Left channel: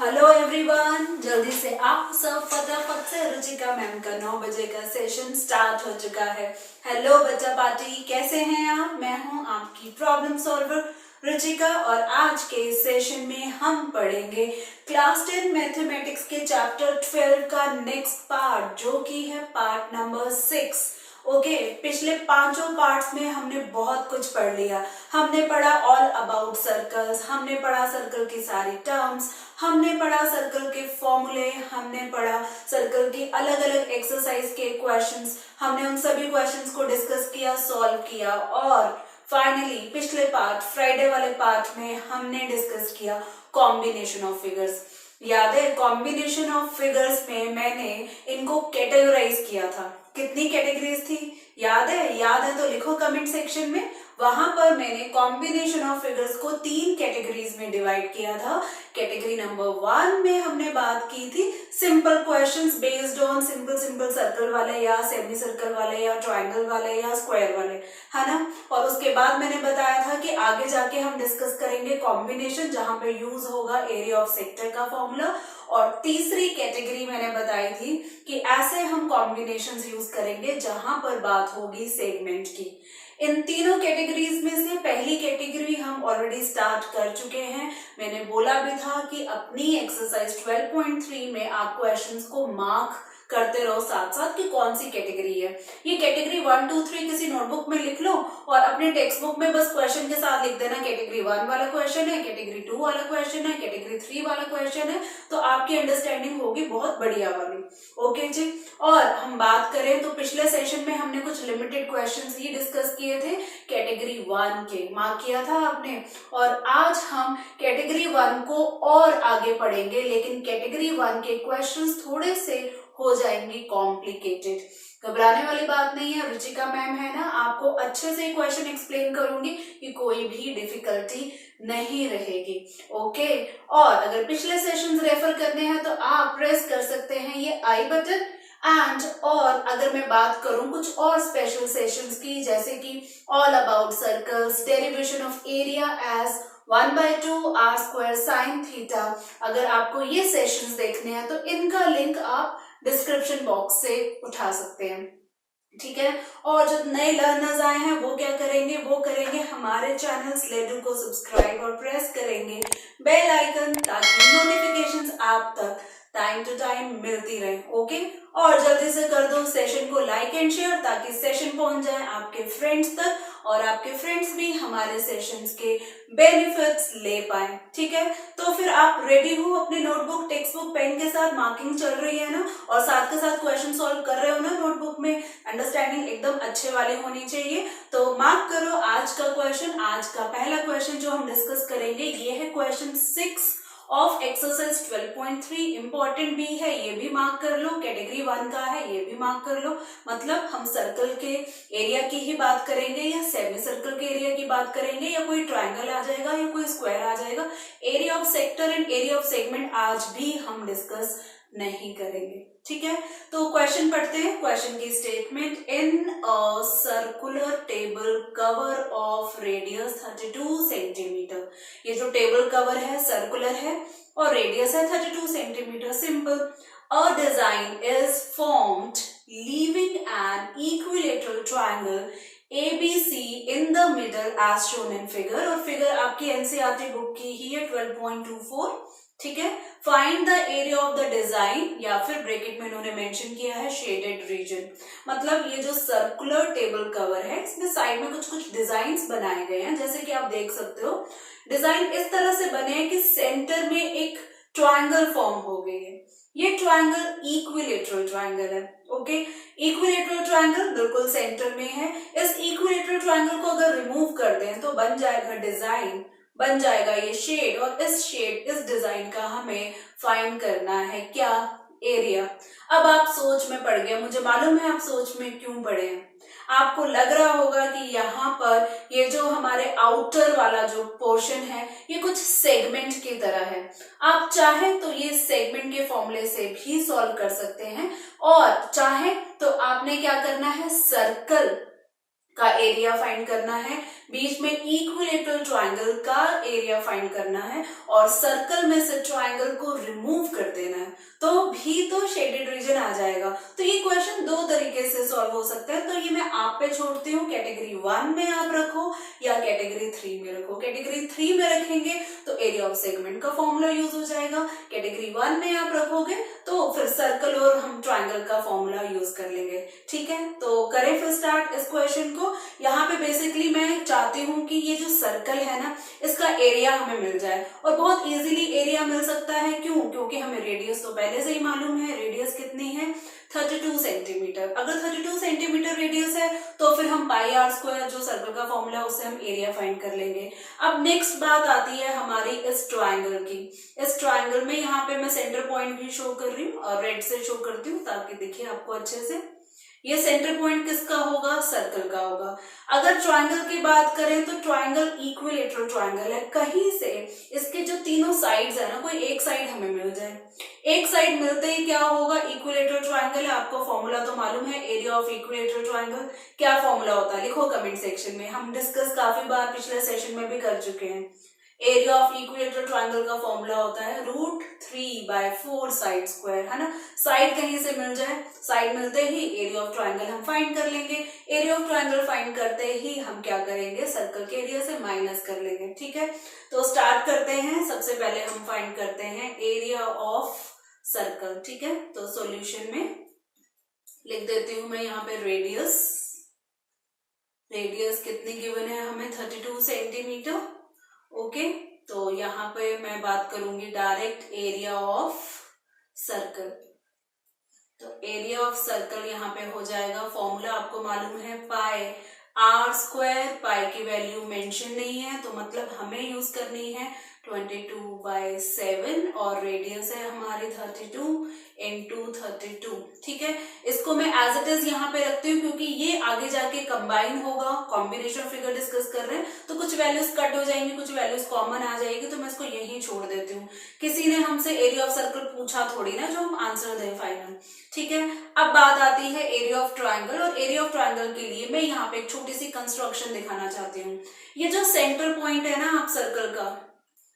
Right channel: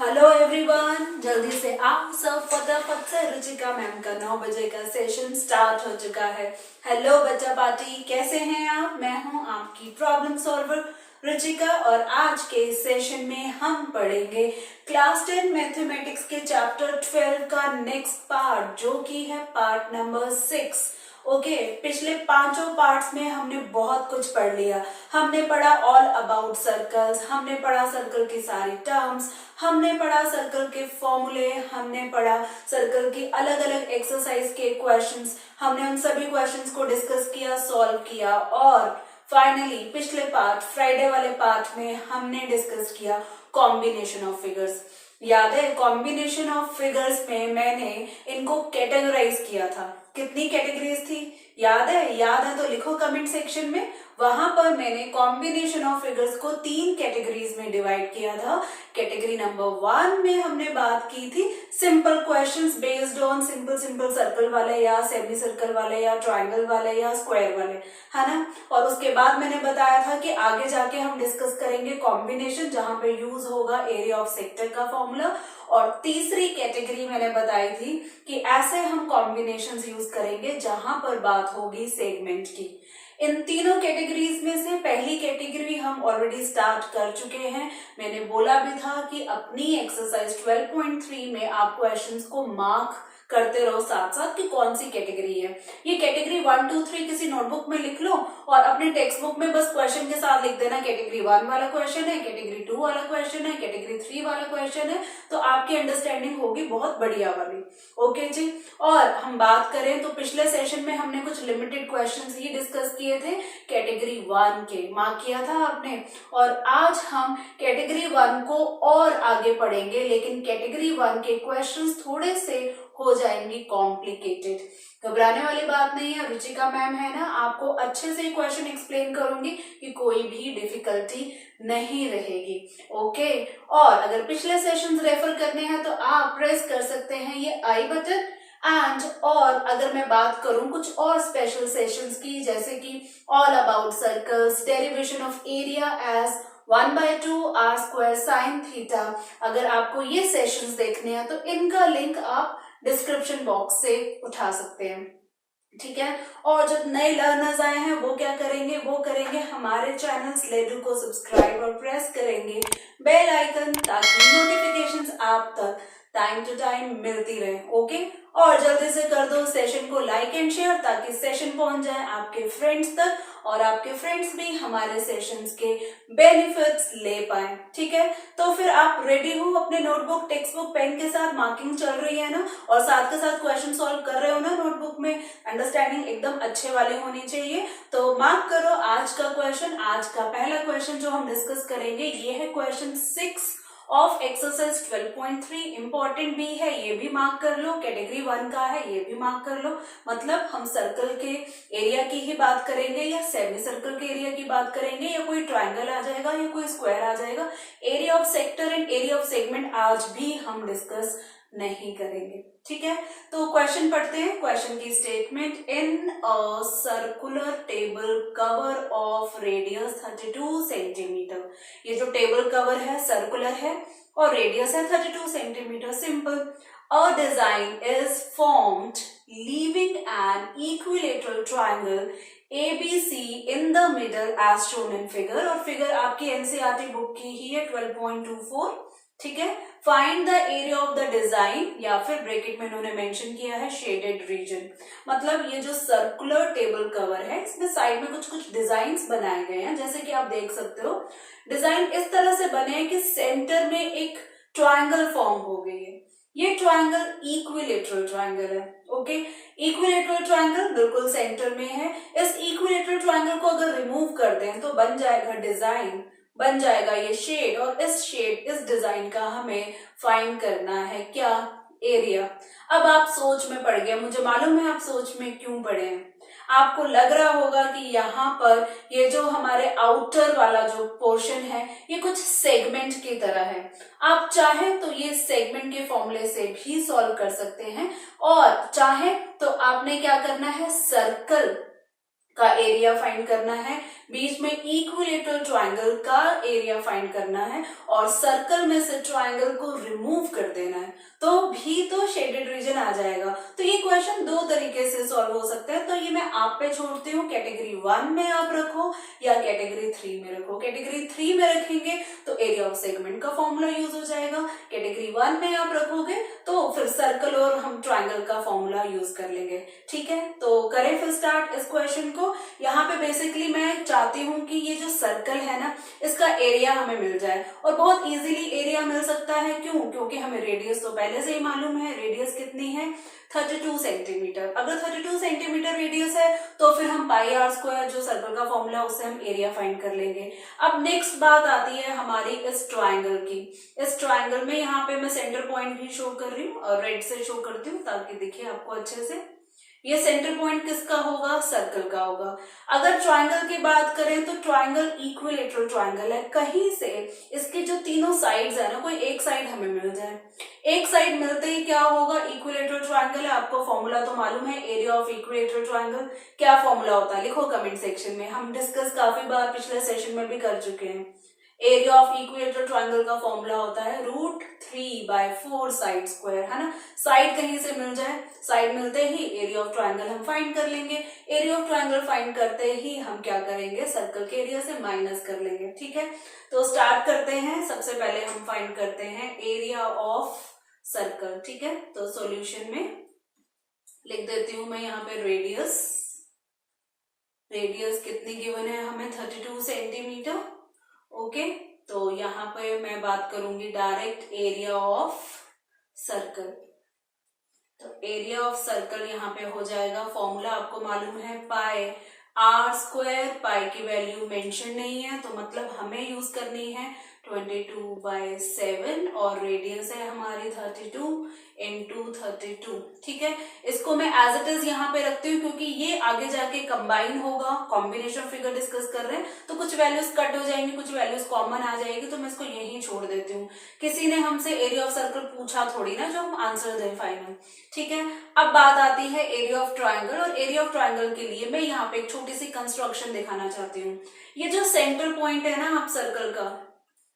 Hello everyone, जल्दी से आप सब फटाफट से रुचिका मैम का 9 बजे का सेशन स्टार्ट हो चुका है। हेलो बच्चा पार्टी, कैसे हैं आप? मैं हूं आपकी प्रॉब्लम सॉल्वर रुचिका और आज के इस सेशन में हम पढ़ेंगे क्लास 10 मैथमेटिक्स के चैप्टर 12 का नेक्स्ट पार्ट, जो कि है पार्ट नंबर 6। ओके, पिछले पांचों पार्ट्स में हमने बहुत कुछ पढ़ लिया। हमने पढ़ा ऑल अबाउट सर्कल्स, हमने पढ़ा सर्कल की सारी टर्म्स, हमने पढ़ा सर्कल के फॉर्मूले, हमने पढ़ा सर्कल की अलग अलग एक्सरसाइज के क्वेश्चंस। हमने उन सभी क्वेश्चंस को डिस्कस किया, सॉल्व किया और फाइनली पिछले पार्ट, फ्राइडे वाले पार्ट में हमने डिस्कस किया कॉम्बिनेशन ऑफ फिगर्स। याद है, कॉम्बिनेशन ऑफ फिगर्स में मैंने इनको कैटेगराइज किया था। कितनी कैटेगरीज थी याद है? याद है तो लिखो कमेंट सेक्शन में। वहां पर मैंने कॉम्बिनेशन ऑफ फिगर्स को 3 कैटेगरीज में डिवाइड किया था। कैटेगरी नंबर 1 में हमने बात की थी simple questions based on simple circle वाले या सेमी सर्कल वाले या ट्राइंगल वाले या स्क्वायर वाले, है ना। और उसके बाद मैंने बताया था कि आगे जाके हम डिस्कस करेंगे कॉम्बिनेशन, जहां पे यूज होगा एरिया ऑफ सेक्टर का फॉर्मूला। और तीसरी कैटेगरी मैंने बताई थी कि ऐसे हम कॉम्बिनेशंस यूज करेंगे जहां पर बात होगी सेगमेंट की। इन तीनों कैटेगरीज में से पहली कैटेगरी हम ऑलरेडी स्टार्ट कर चुके हैं। मैंने बोला भी था कि अपनी एक्सरसाइज 12.3 में आप क्वेश्चंस को मार्क करते रहो साथ साथ कि कौन सी कैटेगरी है। ये कैटेगरी 1, 2, 3 किसी नोटबुक में लिख लो और अपने टेक्स्ट बुक में बस क्वेश्चन के साथ लिख देना कैटेगरी 1 वाला क्वेश्चन है, कैटेगरी 2 वाला क्वेश्चन है, कैटेगरी 3 वाला क्वेश्चन है, तो आपकी अंडरस्टैंडिंग होगी बहुत बढ़िया वाली। ओके जी। और हम बात करें तो पिछले सेशन में हमने कुछ लिमिटेड क्वेश्चंस ही डिस्कस किए थे कैटेगरी 1 के, मार्क किया था आपने। और आज हम कैटेगरी 1 को और आगे पढ़ेंगे, लेकिन कैटेगरी 1 के क्वेश्चंस थोड़े से हो जाएंगे कॉम्प्लिकेटेड। घबराने वाली बात नहीं है, रुचिका मैम है ना, आपको अच्छे से क्वेश्चन एक्सप्लेन करूंगी कि कोई भी डिफिकल्टी नहीं रहेगी। ओके। और अगर पिछले सेशंस रेफर करने हैं तो आप प्रेस कर सकते हैं ये आई बटन। एंड और अगर मैं बात करूं कुछ और स्पेशल सेशंस की, जैसे कि all about circles, derivation of area as 1/2 r square sine theta, अगर आपको ये सेशंस देखने हैं तो इनका लिंक आप डिस्क्रिप्शन बॉक्स से उठा सकते हैं, ठीक है। और जो नए लर्नर्स आए हैं वो क्या करेंगे, वो करेंगे हमारे चैनल स्लेडू को सब्सक्राइब और प्रेस करेंगे बेल आइकन, ताकि नोटिफिकेशंस आप तक टाइम टू टाइम मिलती रहे। ओके। और जल्दी से कर दो सेशन को लाइक एंड शेयर, ताकि सेशन पहुंच जाए आपके फ्रेंड्स तक और आपके फ्रेंड्स भी हमारे सेशंस के बेनिफिट्स ले पाए, ठीक है। तो फिर आप रेडी हो अपने नोटबुक, टेक्स्ट बुक, पेन के साथ? मार्किंग चल रही है ना, और साथ के साथ क्वेश्चन सॉल्व कर रहे हो ना नोटबुक में? अंडरस्टैंडिंग एकदम अच्छे वाले होनी चाहिए। तो मार्क करो आज का क्वेश्चन। आज का पहला क्वेश्चन जो हम डिस्कस करेंगे ये है क्वेश्चन 6 ऑफ एक्सरसाइज 12.3। इंपॉर्टेंट भी है, ये भी मार्क कर लो। कैटेगरी 1 का है, ये भी मार्क कर लो। मतलब हम सर्कल के एरिया की ही बात करेंगे या सेमी सर्कल के एरिया की बात करेंगे, या कोई ट्राइंगल आ जाएगा या कोई स्क्वायर आ जाएगा। Area of sector and area of segment आज भी हम डिस्कस नहीं करेंगे, ठीक है। तो क्वेश्चन पढ़ते हैं। क्वेश्चन की statement, in a circular table cover of radius 32 centimetre. ये जो टेबल कवर है सर्कुलर है और रेडियस है 32 centimetre. Simple. A design is formed leaving an equilateral triangle ABC in the middle as shown in figure। और figure आपकी NCERT book की ही है 12.24, ठीक है। Find the area of the design, या फिर ब्रैकेट में इन्होंने मेंशन किया है शेडेड रीजन। मतलब ये जो सर्कुलर टेबल कवर है इसमें साइड में कुछ कुछ डिजाइन्स बनाए गए हैं, जैसे कि आप देख सकते हो। डिजाइन इस तरह से बने हैं कि सेंटर में एक ट्राइंगल फॉर्म हो गई है। ये ट्राइंगल इक्विलेटरल ट्राइंगल है। ओके। इक्विलेटरल ट्राइंगल बिल्कुल सेंटर में है। इस इक्विलेटरल ट्राइंगल को अगर रिमूव कर दें तो बन जाएगा डिजाइन, बन जाएगा ये शेड, और इस शेड, इस डिजाइन का हमें फाइंड करना है क्या, एरिया। अब आप सोच में पड़ गए, मुझे मालूम है आप सोच में क्यों पड़े हैं। आपको लग रहा होगा कि यहाँ पर ये जो हमारे आउटर वाला जो पोर्शन है ये कुछ सेगमेंट की तरह है। आप चाहें तो ये सेगमेंट के फॉर्मूले से भी सॉल्व कर सकते हैं, और चाहें तो आपने क्या करना है, सर्कल का एरिया फाइंड करना है, बीच में इक्विलेटरल ट्राइंगल का एरिया फाइंड करना है और सर्कल में से ट्राइंगल को रिमूव कर देना है, तो भी तो शेडेड रीजन आ जाएगा। तो ये क्वेश्चन दो तरीके से सॉल्व हो सकता है, तो ये मैं आप पे छोड़ती हूँ, कैटेगरी 1 में आप रखो या कैटेगरी 3 में रखो। कैटेगरी 3 में रखेंगे तो एरिया ऑफ सेगमेंट का फॉर्मूला यूज हो जाएगा, कैटेगरी 1 में आप रखोगे तो फिर सर्कल और हम ट्राइंगल का फॉर्मूला यूज कर लेंगे। ठीक है, तो करें फिर स्टार्ट इस क्वेश्चन को। यहाँ पे बेसिकली मैं चाहती हूँ कि ये जो सर्कल है ना, इसका एरिया हमें मिल जाए और बहुत इजीली एरिया मिल सकता है। क्यों? क्योंकि हमें रेडियस तो पहले से ही मालूम है, रेडियस कितनी है 32 सेंटीमीटर। अगर 32 सेंटीमीटर रेडियस है तो फिर हम पाई आर स्क्वायर जो सर्कल का फॉर्मूला उससे हम एरिया फाइंड कर लेंगे। अब नेक्स्ट बात आती है हमारी इस ट्राइंगल की। इस ट्राइंगल में यहाँ पे मैं सेंटर पॉइंट भी शो कर रही हूँ और रेड से शो करती हूँ ताकि दिखे आपको अच्छे से। ये सेंटर पॉइंट किसका होगा? सर्कल का होगा। अगर ट्राइंगल की बात करें तो ट्राइंगल इक्विलेटरल ट्राइंगल है, कहीं से इसके जो तीनों साइड्स है ना, कोई एक साइड हमें मिल जाए। एक साइड मिलते ही क्या होगा? इक्विलेटरल ट्राइंगल है, आपको फॉर्मूला तो मालूम है एरिया ऑफ इक्विलेटरल ट्राइंगल। क्या फॉर्मूला होता है लिखो कमेंट सेक्शन में, हम डिस्कस काफी बार पिछले सेशन में भी कर चुके हैं। एरिया ऑफ इक्विलेटरल ट्राइंगल का फॉर्मूला होता है √3/4 साइड स्क्वायर, है ना। साइड कहीं से मिल जाए, साइड मिलते ही एरिया ऑफ ट्राइंगल हम फाइंड कर लेंगे। एरिया ऑफ ट्राइंगल फाइंड करते ही हम क्या करेंगे? सर्कल के एरिया से माइनस कर लेंगे। ठीक है, तो स्टार्ट करते हैं। सबसे पहले हम फाइंड करते हैं एरिया ऑफ सर्कल। ठीक है, तो सॉल्यूशन में लिख देती हूं मैं यहाँ पे रेडियस। रेडियस कितनी गिवन है हमें? 32 सेंटीमीटर। ओके, तो यहाँ पे मैं बात करूंगी डायरेक्ट एरिया ऑफ सर्कल। तो एरिया ऑफ सर्कल यहाँ पे हो जाएगा, फॉर्मूला आपको मालूम है पाई आर स्क्वायर। पाई की वैल्यू मेंशन नहीं है तो मतलब हमें यूज करनी है 22/7 और रेडियस है हमारी 32 × 32। ठीक है, इसको मैं एज इट इज यहाँ पे रखती हूँ क्योंकि ये आगे जाके कंबाइन होगा, कॉम्बिनेशन फिगर डिस्कस कर रहे हैं तो कुछ वैल्यूज कट हो जाएंगी, कुछ वैल्यूज कॉमन आ जाएगी, तो मैं इसको यहीं छोड़ देती हूँ। किसी ने हमसे एरिया ऑफ सर्कल पूछा थोड़ी ना जो हम आंसर दें फाइनल। ठीक है, अब बात आती है एरिया ऑफ ट्राइंगल, और एरिया ऑफ ट्राइंगल के लिए मैं यहाँ पे एक छोटी सी कंस्ट्रक्शन दिखाना चाहती हूँ। ये जो सेंटर पॉइंट है ना आप सर्कल का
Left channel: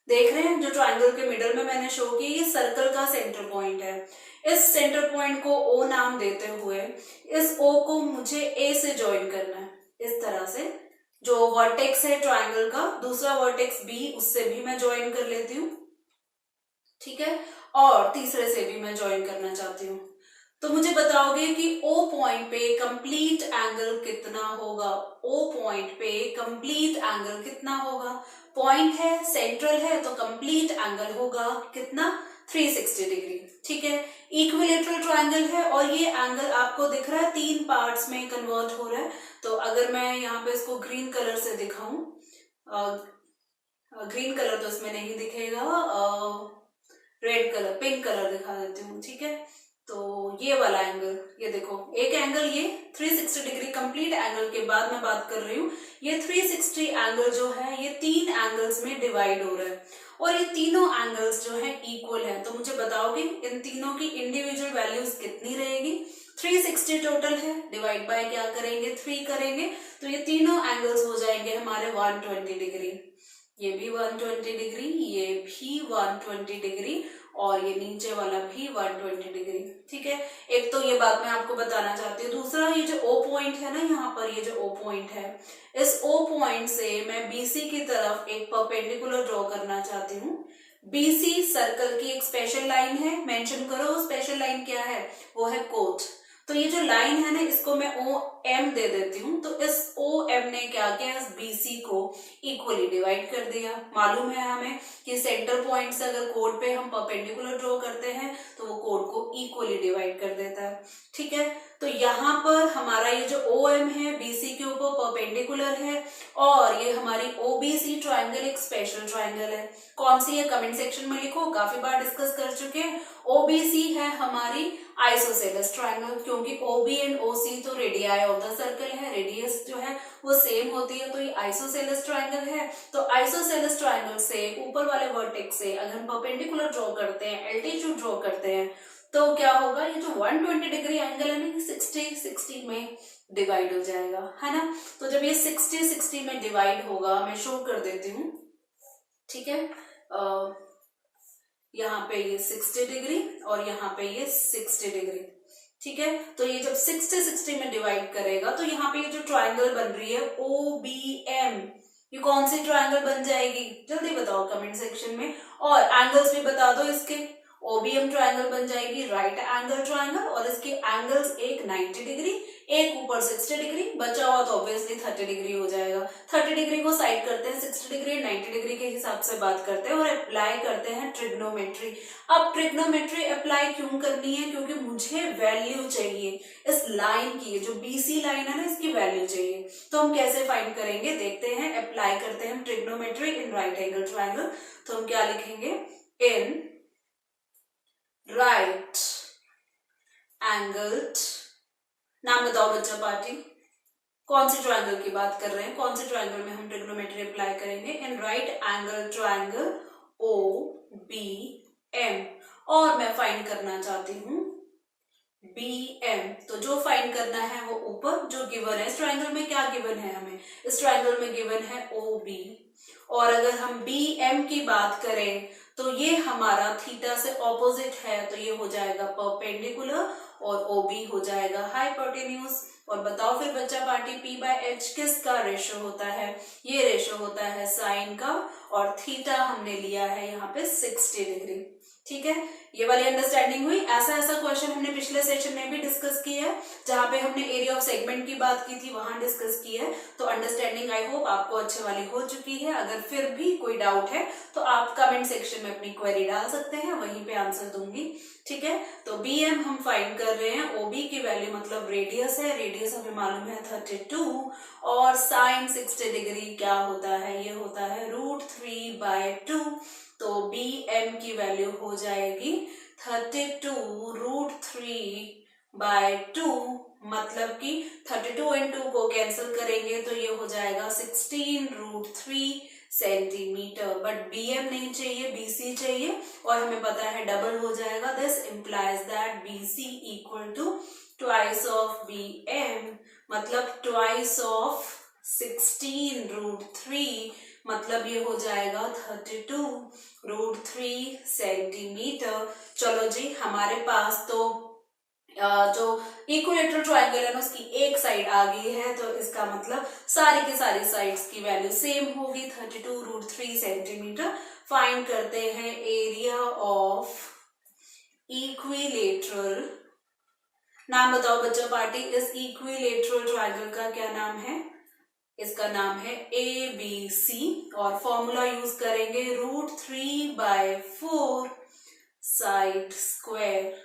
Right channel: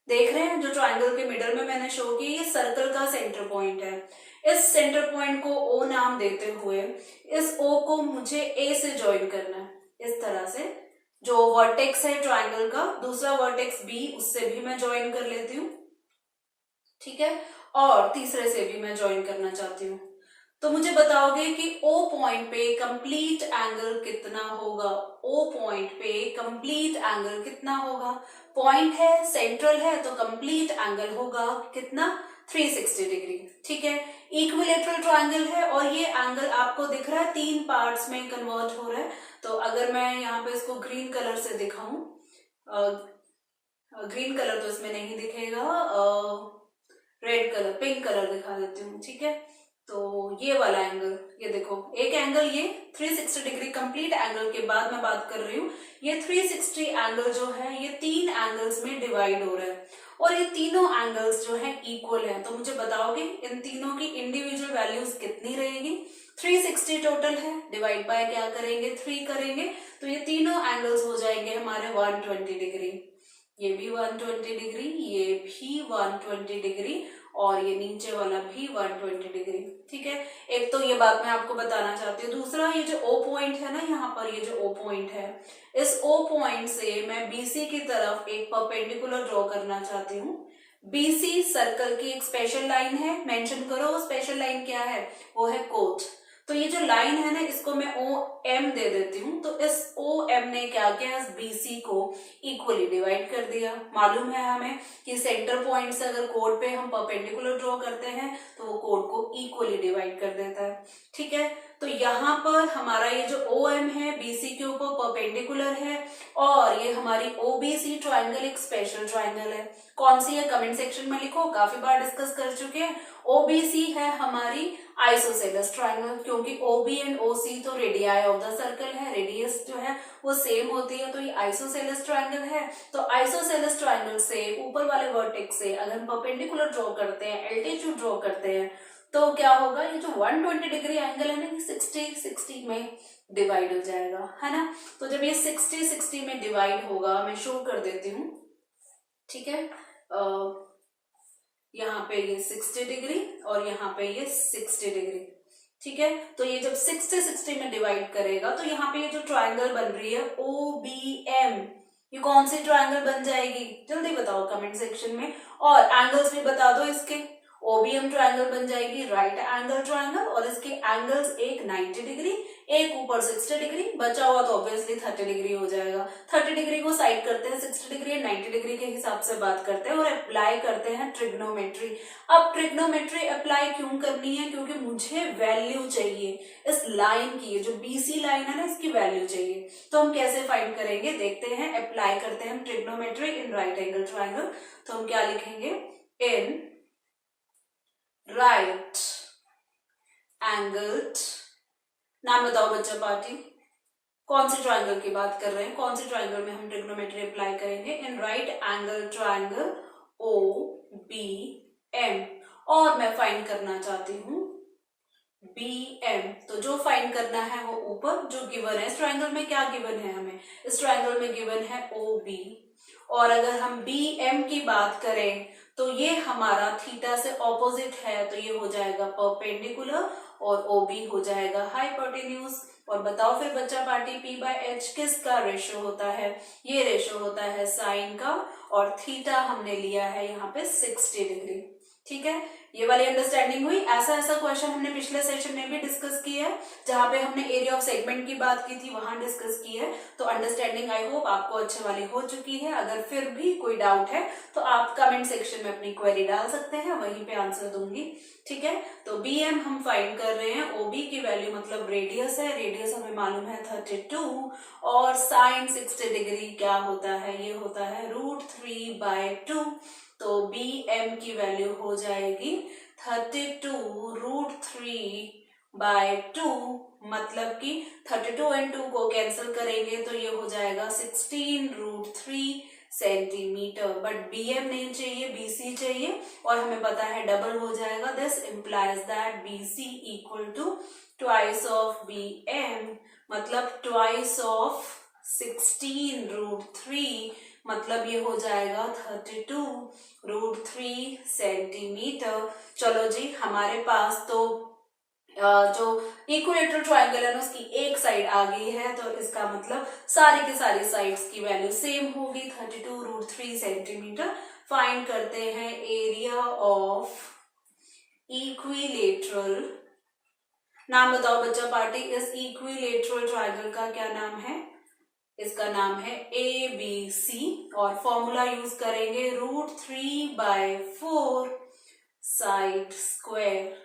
देख रहे हैं, जो ट्राइंगल के मिडल में मैंने शो किया, ये सर्कल का सेंटर पॉइंट है। इस सेंटर पॉइंट को ओ नाम देते हुए इस ओ को मुझे ए से ज्वाइन करना है। इस तरह से जो वर्टेक्स है ट्राइंगल का, दूसरा वर्टेक्स बी, उससे भी मैं ज्वाइन कर लेती हूँ। ठीक है, और तीसरे से भी मैं ज्वाइन करना चाहती हूँ। तो मुझे बताओगे कि ओ पॉइंट पे कंप्लीट एंगल कितना होगा? ओ पॉइंट पे कंप्लीट एंगल कितना होगा? पॉइंट है, सेंट्रल है, तो कंप्लीट एंगल होगा कितना? 360 डिग्री। ठीक है, इक्विलेटरल ट्राइंगल है और ये एंगल आपको दिख रहा है 3 पार्ट्स में कन्वर्ट हो रहा है। तो अगर मैं यहाँ पे इसको ग्रीन कलर से दिखाऊं, ग्रीन कलर तो इसमें नहीं दिखेगा, रेड कलर, पिंक कलर दिखा देती हूँ। ठीक है, तो ये वाला एंगल, ये देखो एक एंगल, ये 360 डिग्री कंप्लीट एंगल के बाद मैं बात कर रही हूँ। ये 360 एंगल जो है ये 3 एंगल्स में डिवाइड हो रहा है और ये तीनों एंगल्स जो है इक्वल है। तो मुझे बताओगे इन तीनों की इंडिविजुअल वैल्यूज कितनी रहेगी? 360 टोटल है, डिवाइड बाय क्या करेंगे? 3 करेंगे, तो ये तीनों एंगल्स हो जाएंगे हमारे 120 डिग्री। ये भी 120 डिग्री, ये भी 120 डिग्री और ये नीचे वाला भी 120 डिग्री। ठीक है, एक तो ये बात मैं आपको बताना चाहती हूँ। दूसरा, ये जो ओ पॉइंट है ना, यहाँ पर ये जो ओ पॉइंट है, इस ओ पॉइंट से मैं बीसी की तरफ एक परपेंडिकुलर ड्रॉ करना चाहती हूँ। बीसी सर्कल की एक स्पेशल लाइन है, मेंशन करो वो स्पेशल लाइन क्या है? वो है कोट। तो ये जो लाइन है ना, इसको मैं ओ एम दे देती हूँ। तो इस ओ एम ने क्या किया? इस बीसी को इक्वली डिवाइड कर दिया। मालूम है हमें कि सेंटर पॉइंट से अगर कोड पे हम परपेंडिकुलर ड्रॉ करते हैं तो वो कोड को इक्वली डिवाइड कर देता है। ठीक है, तो यहाँ पर हमारा ये जो ओ एम है बीसी के ऊपर परपेंडिकुलर है और ये हमारी ओबीसी ट्राइंगल एक स्पेशल ट्राइंगल है। कौन सी है? कमेंट सेक्शन में लिखो, काफी बार डिस्कस कर चुके हैं। ओबीसी है हमारी आइसोसेलेस ट्राइंगल, क्योंकि ओबी एंड ओसी तो रेडियाई ऑफ द सर्कल है, रेडियस जो है वो सेम होती है, तो ये आइसोसेलेस ट्राइंगल है। तो आइसोसेलेस ट्राइंगल से ऊपर वाले वर्टेक्स से अगर हम परपेंडिकुलर ड्रॉ करते हैं, एल्टीट्यूड ड्रॉ करते हैं, तो क्या होगा? ये जो 120 डिग्री एंगल है ना, 60 में डिवाइड हो जाएगा, है ना। तो जब ये 60-60 में डिवाइड होगा, मैं शो कर देती हूँ, ठीक है। यहाँ पे ये 60 डिग्री और यहाँ पे ये 60 डिग्री, ठीक है। तो ये जब 60-60 में डिवाइड करेगा तो यहाँ पे ये जो ट्राइंगल बन रही है OBM, ये कौन सी ट्राइंगल बन जाएगी, जल्दी बताओ कमेंट सेक्शन में। और एंगल्स भी बता दो इसके। OBM ट्राइंगल बन जाएगी राइट एंगल ट्राइंगल, और इसके एंगल्स एक 90 डिग्री, एक ऊपर 60 डिग्री, बचा हुआ तो ऑब्वियसली 30 डिग्री हो जाएगा। 30 डिग्री को साइड करते हैं, 60 डिग्री 90 डिग्री के हिसाब से बात करते हैं और अप्लाई करते हैं ट्रिग्नोमेट्री। अब ट्रिग्नोमेट्री अप्लाई क्यों करनी है, क्योंकि मुझे वैल्यू चाहिए इस लाइन की, जो BC लाइन है ना, इसकी वैल्यू चाहिए। तो हम कैसे फाइंड करेंगे देखते हैं। अप्लाई करते हैं trigonometry in right angle triangle. तो हम क्या लिखेंगे, इन राइट एंगल्ड, नाम बताओ बच्चा पार्टी, कौन सी ट्राइंगल की बात कर रहे हैं, कौन सी ट्राइंगल में हम ट्रिग्नोमेट्री अप्लाई करेंगे। In right angle triangle OBM, और मैं फाइंड करना चाहती हूँ BM। तो जो फाइंड करना है वो ऊपर जो गिवन है, इस ट्राइंगल में क्या गिवन है हमें, इस ट्राइंगल में गिवन है OB, और अगर हम BM की बात करें तो ये हमारा थीटा से ऑपोजिट है, तो ये हो जाएगा परपेंडिकुलर और OB हो जाएगा हाइपोटेन्यूज। और बताओ फिर बच्चा पार्टी, P/H किसका रेशो होता है, ये रेशो होता है साइन का, और थीटा हमने लिया है यहाँ पे 60 डिग्री, ठीक है। ये वाली अंडरस्टैंडिंग हुई। ऐसा क्वेश्चन हमने पिछले सेशन में भी डिस्कस किया है, जहां पे हमने एरिया ऑफ सेगमेंट की बात की थी, वहां डिस्कस की है। तो अंडरस्टैंडिंग आई होप आपको अच्छे वाली हो चुकी है। अगर फिर भी कोई डाउट है तो आप कमेंट सेक्शन में अपनी क्वेरी डाल सकते हैं, वहीं पे आंसर दूंगी, ठीक है। तो BM हम फाइंड कर रहे हैं, OB की वैल्यू मतलब रेडियस है, रेडियस हमें मालूम है 32, और साइन 60 डिग्री क्या होता है, ये होता है √3/2। तो BM की वैल्यू हो जाएगी 32√3/2, मतलब कि 32 और 2 को कैंसिल करेंगे तो ये हो जाएगा 16√3 सेंटीमीटर। बट BM नहीं चाहिए, BC चाहिए, और हमें पता है डबल हो जाएगा। This implies that BC equal to twice of BM, मतलब ट्वाइस ऑफ 16√3, मतलब ये हो जाएगा 32√3 सेंटीमीटर। चलो जी, हमारे पास तो जो इक्विलेटरल ट्रायंगल है ना, उसकी एक साइड आ गई है, तो इसका मतलब सारी की सारी साइड्स की वैल्यू सेम होगी, 32√3 सेंटीमीटर। फाइंड करते हैं एरिया ऑफ इक्विलेटरल, नाम बताओ बच्चा पार्टी, इस इक्विलेटरल ट्रायंगल का क्या नाम है, इसका नाम है ABC, और फॉर्मूला यूज करेंगे √3/4 साइड स्क्वायर,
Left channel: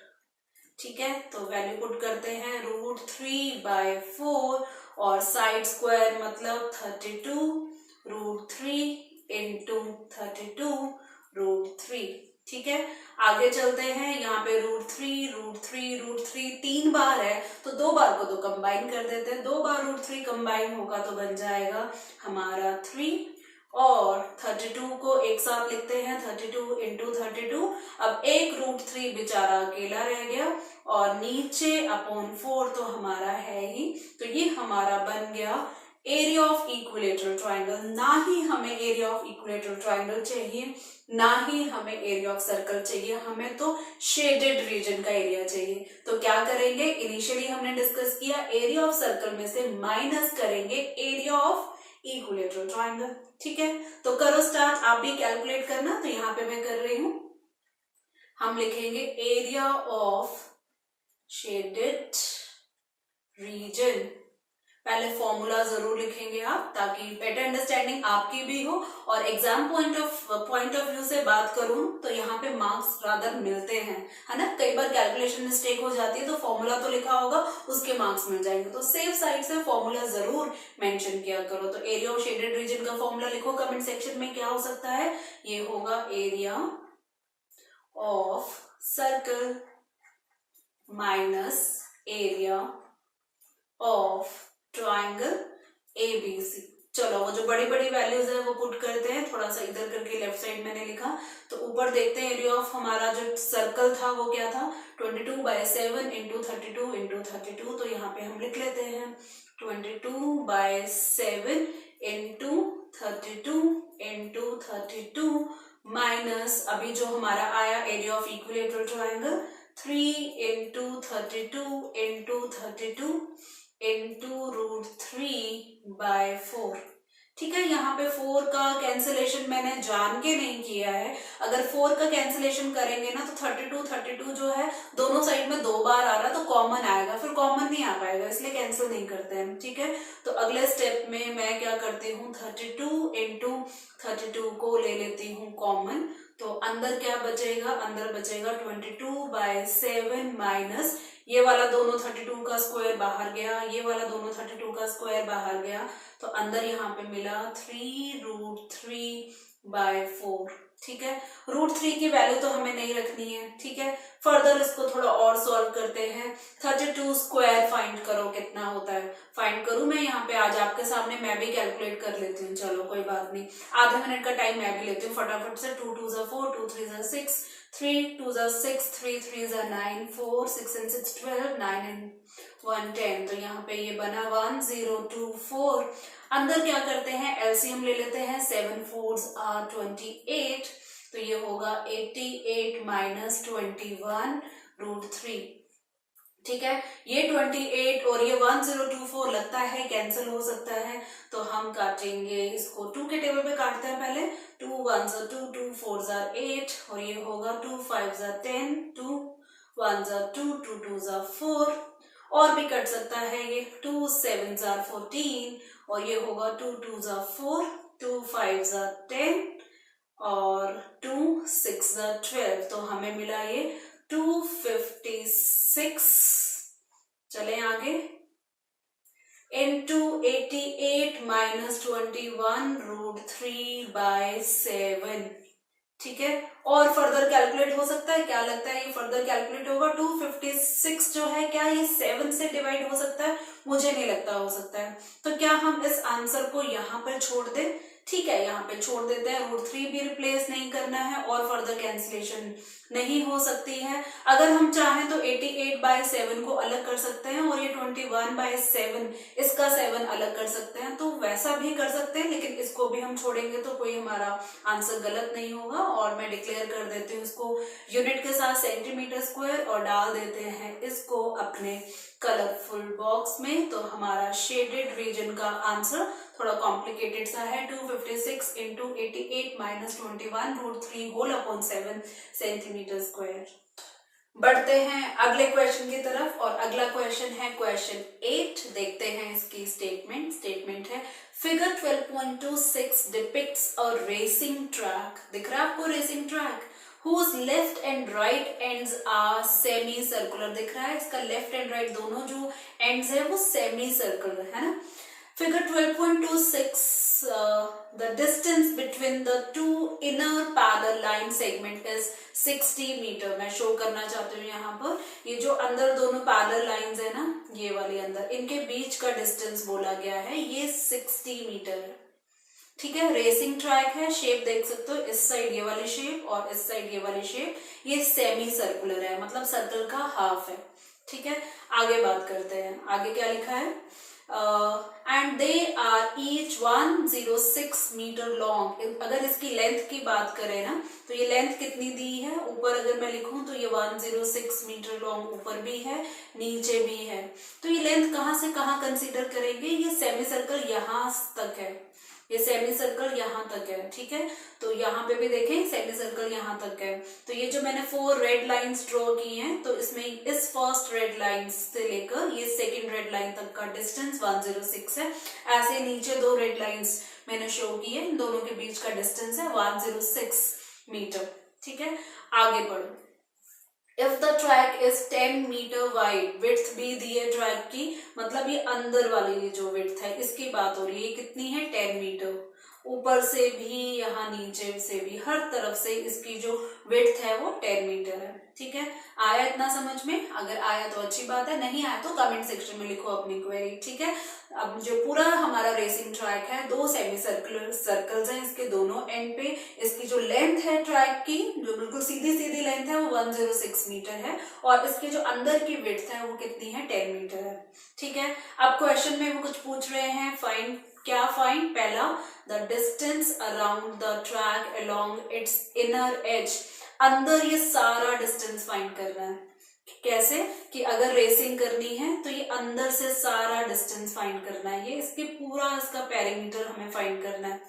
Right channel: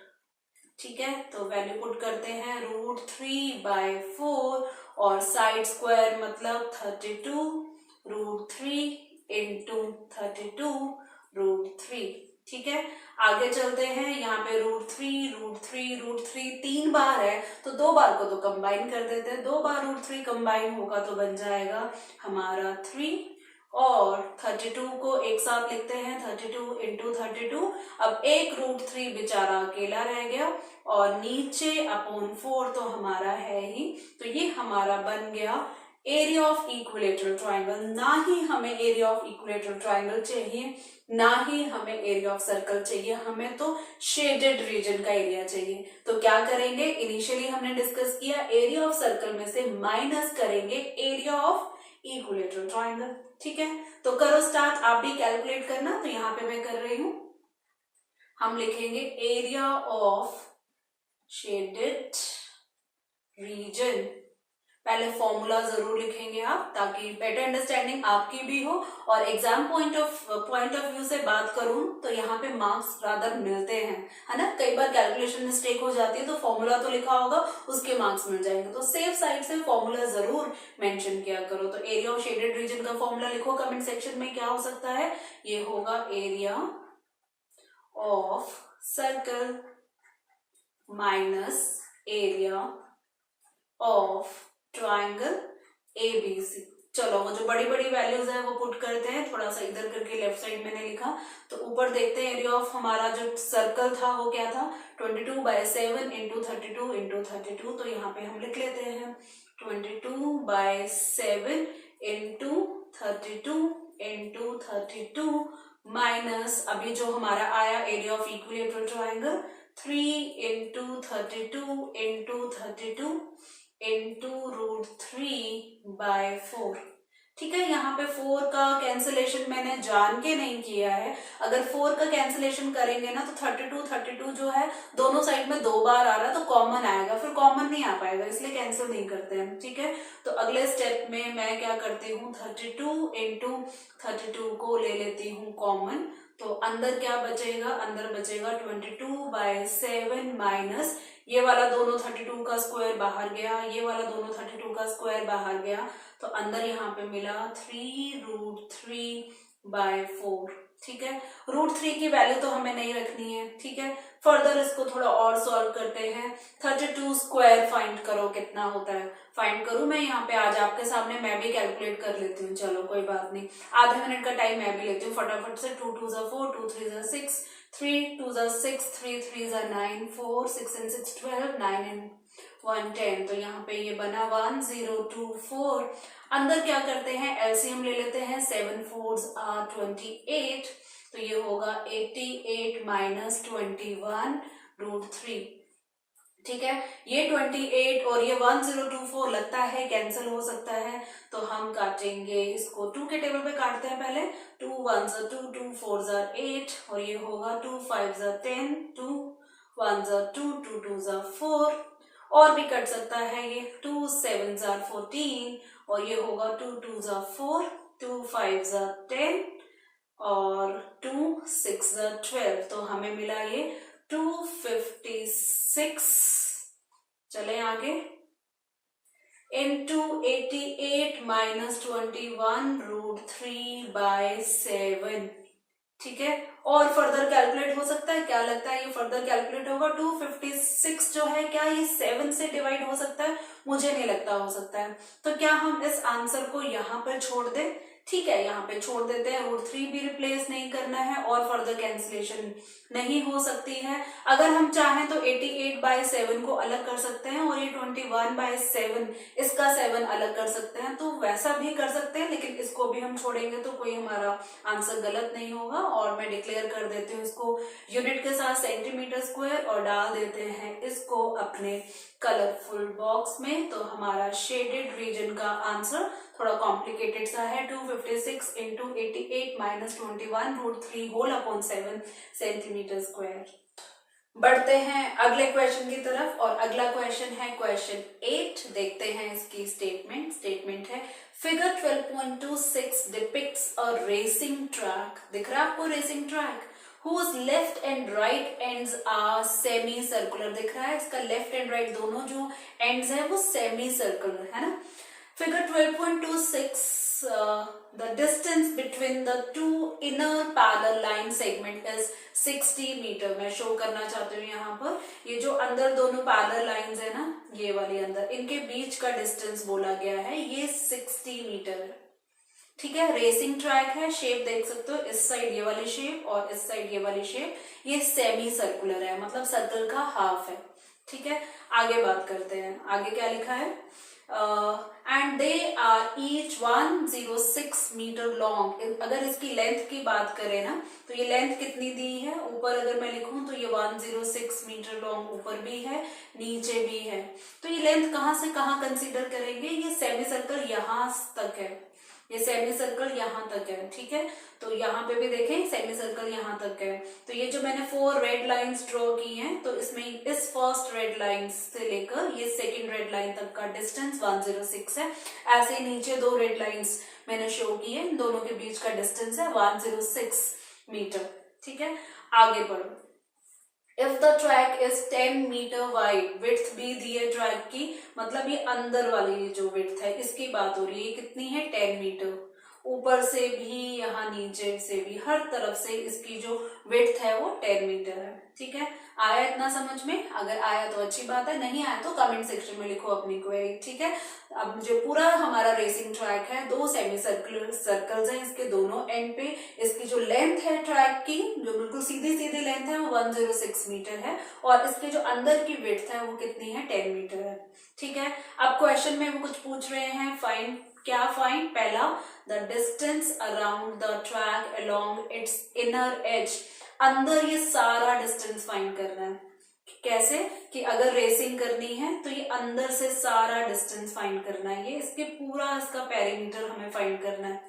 ठीक है। तो वैल्यू पुट करते हैं √3/4, और साइड स्क्वायर मतलब 32√3 इंटू 32√3, ठीक है। आगे चलते हैं, यहाँ पे √3 तीन बार है, तो दो बार को तो कंबाइन कर देते हैं, 2 बार √3 कंबाइन होगा तो बन जाएगा हमारा 3, और 32 को एक साथ लिखते हैं 32 इंटू 32। अब एक √3 बेचारा अकेला रह गया, और नीचे अपॉन 4 तो हमारा है ही, तो ये हमारा बन गया एरिया ऑफ इक्विलेटरल ट्रायंगल। ना ही हमें एरिया ऑफ इक्विलेटरल ट्रायंगल चाहिए, ना ही हमें एरिया ऑफ सर्कल चाहिए, हमें तो शेडेड रीजन का एरिया चाहिए। तो क्या करेंगे, इनिशियली हमने डिस्कस किया, एरिया ऑफ सर्कल में से माइनस करेंगे एरिया ऑफ इक्विलेटरल ट्रायंगल, ठीक है। तो करो स्टार्ट, आप भी कैलकुलेट करना। तो यहाँ पे मैं कर रही हूं, हम लिखेंगे एरिया ऑफ शेडेड रीजन। पहले फॉर्मूला जरूर लिखेंगे आप, ताकि बेटर अंडरस्टैंडिंग आपकी भी हो, और एग्जाम पॉइंट ऑफ व्यू से बात करूं तो यहाँ पे मार्क्स रादर मिलते हैं, है ना। कई बार कैलकुलेशन मिस्टेक हो जाती है, तो फॉर्मूला तो लिखा होगा, उसके मार्क्स मिल जाएंगे, तो सेफ साइड से फॉर्मूला जरूर मेंशन किया करो। तो एरिया ऑफ शेडेड रीजन का फॉर्मूला लिखो कमेंट सेक्शन में, क्या हो सकता है, ये होगा area of circle minus area of triangle ABC, चलो वो जो बड़ी बड़ी वैल्यूज है वो पुट करते हैं, थोड़ा सा इधर करके लेफ्ट साइड मैंने लिखा। तो ऊपर देखते हैं एरिया ऑफ हमारा जो सर्कल था वो क्या था, 22/7 इंटू 32 इंटू 32। तो यहाँ पे हम लिख लेते हैं 22/7 इंटू 32 इंटू 32 माइनस अभी जो हमारा आया area of equilateral triangle 3 into 32 into 32 into √3/4। ठीक है, यहाँ पे 4 का कैंसिलेशन मैंने जान के नहीं किया है। अगर 4 का कैंसिलेशन करेंगे ना तो 32 जो है दोनों साइड में 2 बार आ रहा तो कॉमन आएगा, फिर कॉमन नहीं आ पाएगा, इसलिए कैंसिल नहीं करते हैं। ठीक है, तो अगले स्टेप में मैं क्या करती हूँ, 32 इंटू 32 को ले लेती हूँ कॉमन। तो अंदर क्या बचेगा, अंदर बचेगा 22/7 माइनस ये वाला दोनों 32 का स्क्वायर बाहर गया, ये वाला दोनों 32 का स्क्वायर बाहर गया, तो अंदर यहाँ पे मिला 3√3/4। ठीक है, √3 की वैल्यू तो हमें नहीं रखनी है। ठीक है, फर्दर इसको थोड़ा और सॉल्व करते हैं। 32 स्क्वायर फाइंड करो कितना होता है, फाइंड करूं मैं यहाँ पे आज आपके सामने, मैं भी कैलकुलेट कर लेती हूँ। चलो कोई बात नहीं, आधा मिनट का टाइम मैं भी लेती हूँ फटाफट से। 2 2 4, 2 3 6, 3 2 6, 3 3 9, 4 6 and 6 12, 9 and 1 10। तो यहाँ पे ये बना 1024। अंदर क्या करते हैं, एलसीएम ले लेते हैं, 7 4s are 28। तो ये होगा 88 माइनस 21√3। ठीक है, ये 28 और ये 1024 लगता है कैंसिल हो सकता है, तो हम काटेंगे इसको 2 के टेबल पे काटते हैं पहले। 2 1s are 2, 2 4s are 8 और ये होगा 2 5s are 10, 2 1s are 2, 2 2s are 4 और भी कट सकता है ये 2 7s are 14 और ये होगा 2 2s are 4, 2 5s are 10 और 2 6s are 12। तो हमें मिला ये 256। चलें आगे, इंटू 88 माइनस 21√3/7। ठीक है, और फर्दर कैलकुलेट हो सकता है, क्या लगता है ये फर्दर कैलकुलेट होगा। 256 जो है क्या ये 7 से डिवाइड हो सकता है, मुझे नहीं लगता हो सकता है। तो क्या हम इस आंसर को यहाँ पर छोड़ दें, ठीक है यहाँ पे छोड़ देते हैं, √3 भी रिप्लेस नहीं करना है और फर्दर कैंसिलेशन नहीं हो सकती है। अगर हम चाहें तो 88/7 को अलग कर सकते हैं और ये 21/7 इसका 7 अलग कर सकते हैं, तो वैसा भी कर सकते हैं, लेकिन इसको भी हम छोड़ेंगे तो कोई हमारा आंसर गलत नहीं होगा। और मैं डिक्लेयर कर देती हूँ इसको यूनिट के साथ सेंटीमीटर स्क्वायर और डाल देते हैं इसको अपने कलरफुल बॉक्स में। तो हमारा शेडेड रीजन का आंसर थोड़ा कॉम्प्लिकेटेड सा है, 256 into 88 minus 21√3 whole upon 7 centimetre square. बढ़ते हैं अगले क्वेश्चन की तरफ और अगला क्वेश्चन है क्वेश्चन 8। देखते हैं इसकी स्टेटमेंट है फिगर 12.26 डिपिक्ट्स अ रेसिंग ट्रैक। दिख रहा है आपको racing track, whose left and right ends are semi circular। दिख रहा है, इसका लेफ्ट एंड राइट दोनों जो एंड्स है वो सेमी सर्कुलर है ना। Figure 12.26, the distance between the two inner parallel line segment is 60 metre. मैं शो करना चाहती हूँ यहाँ पर, ये जो अंदर दोनों पैरेलल लाइंस है ना, ये वाली अंदर, इनके बीच का डिस्टेंस बोला गया है, ये 60 मीटर है। ठीक है, रेसिंग ट्रैक है, शेप देख सकते हो, इस साइड ये वाली शेप और इस साइड ये वाली शेप, ये सेमी सर्कुलर है, मतलब सर्कल का हाफ है। ठीक है, आगे बात करते हैं, आगे क्या लिखा है, and they are each 106 metre long. अगर इसकी लेंथ की बात करें ना तो ये लेंथ कितनी दी है, ऊपर अगर मैं लिखूं तो ये 106 मीटर लॉन्ग ऊपर भी है नीचे भी है। तो ये लेंथ कहाँ से कहाँ कंसीडर करेंगे, ये सेमी सर्कल यहाँ तक है, ये सेमी सर्कल यहाँ तक है। ठीक है, तो यहाँ पे भी देखें सेमी सर्कल यहाँ तक है। तो ये जो मैंने 4 रेड लाइंस ड्रॉ की हैं, तो इसमें इस फर्स्ट रेड लाइन से लेकर ये सेकंड रेड लाइन तक का डिस्टेंस 106 है। ऐसे नीचे 2 रेड लाइंस मैंने शो की है, इन दोनों के बीच का डिस्टेंस है 106 मीटर। ठीक है, आगे बढ़ो। If the track is 10 metre wide, width भी दी है ट्रैक की, मतलब ये अंदर वाली ये जो विड्थ है इसकी बात हो रही है, कितनी है 10 मीटर, ऊपर से भी, यहाँ नीचे से भी, हर तरफ से इसकी जो विड्थ है वो 10 मीटर है। ठीक है, आया इतना समझ में? अगर आया तो अच्छी बात है, नहीं आया तो कमेंट सेक्शन में लिखो अपनी क्वेरी। ठीक है, अब जो पूरा हमारा रेसिंग ट्रैक है, 2 सेमी सर्कुलर सर्कल्स हैं इसके दोनों एंड पे। इसकी जो लेंथ है ट्रैक की, जो बिल्कुल सीधी सीधी लेंथ है, वो 106 मीटर है और इसके जो अंदर की विड्थ है वो कितनी है? 10 मीटर है। ठीक है, अब क्वेश्चन में वो कुछ पूछ रहे हैं, फाइंड, क्या फाइंड? पहला, the distance around the track along its inner as. अंदर ये सारा डिस्टेंस फाइंड करना है। कैसे? कि अगर रेसिंग करनी है तो ये अंदर से सारा डिस्टेंस फाइंड करना है, ये इसके पूरा इसका पेरीमीटर हमें फाइंड करना है।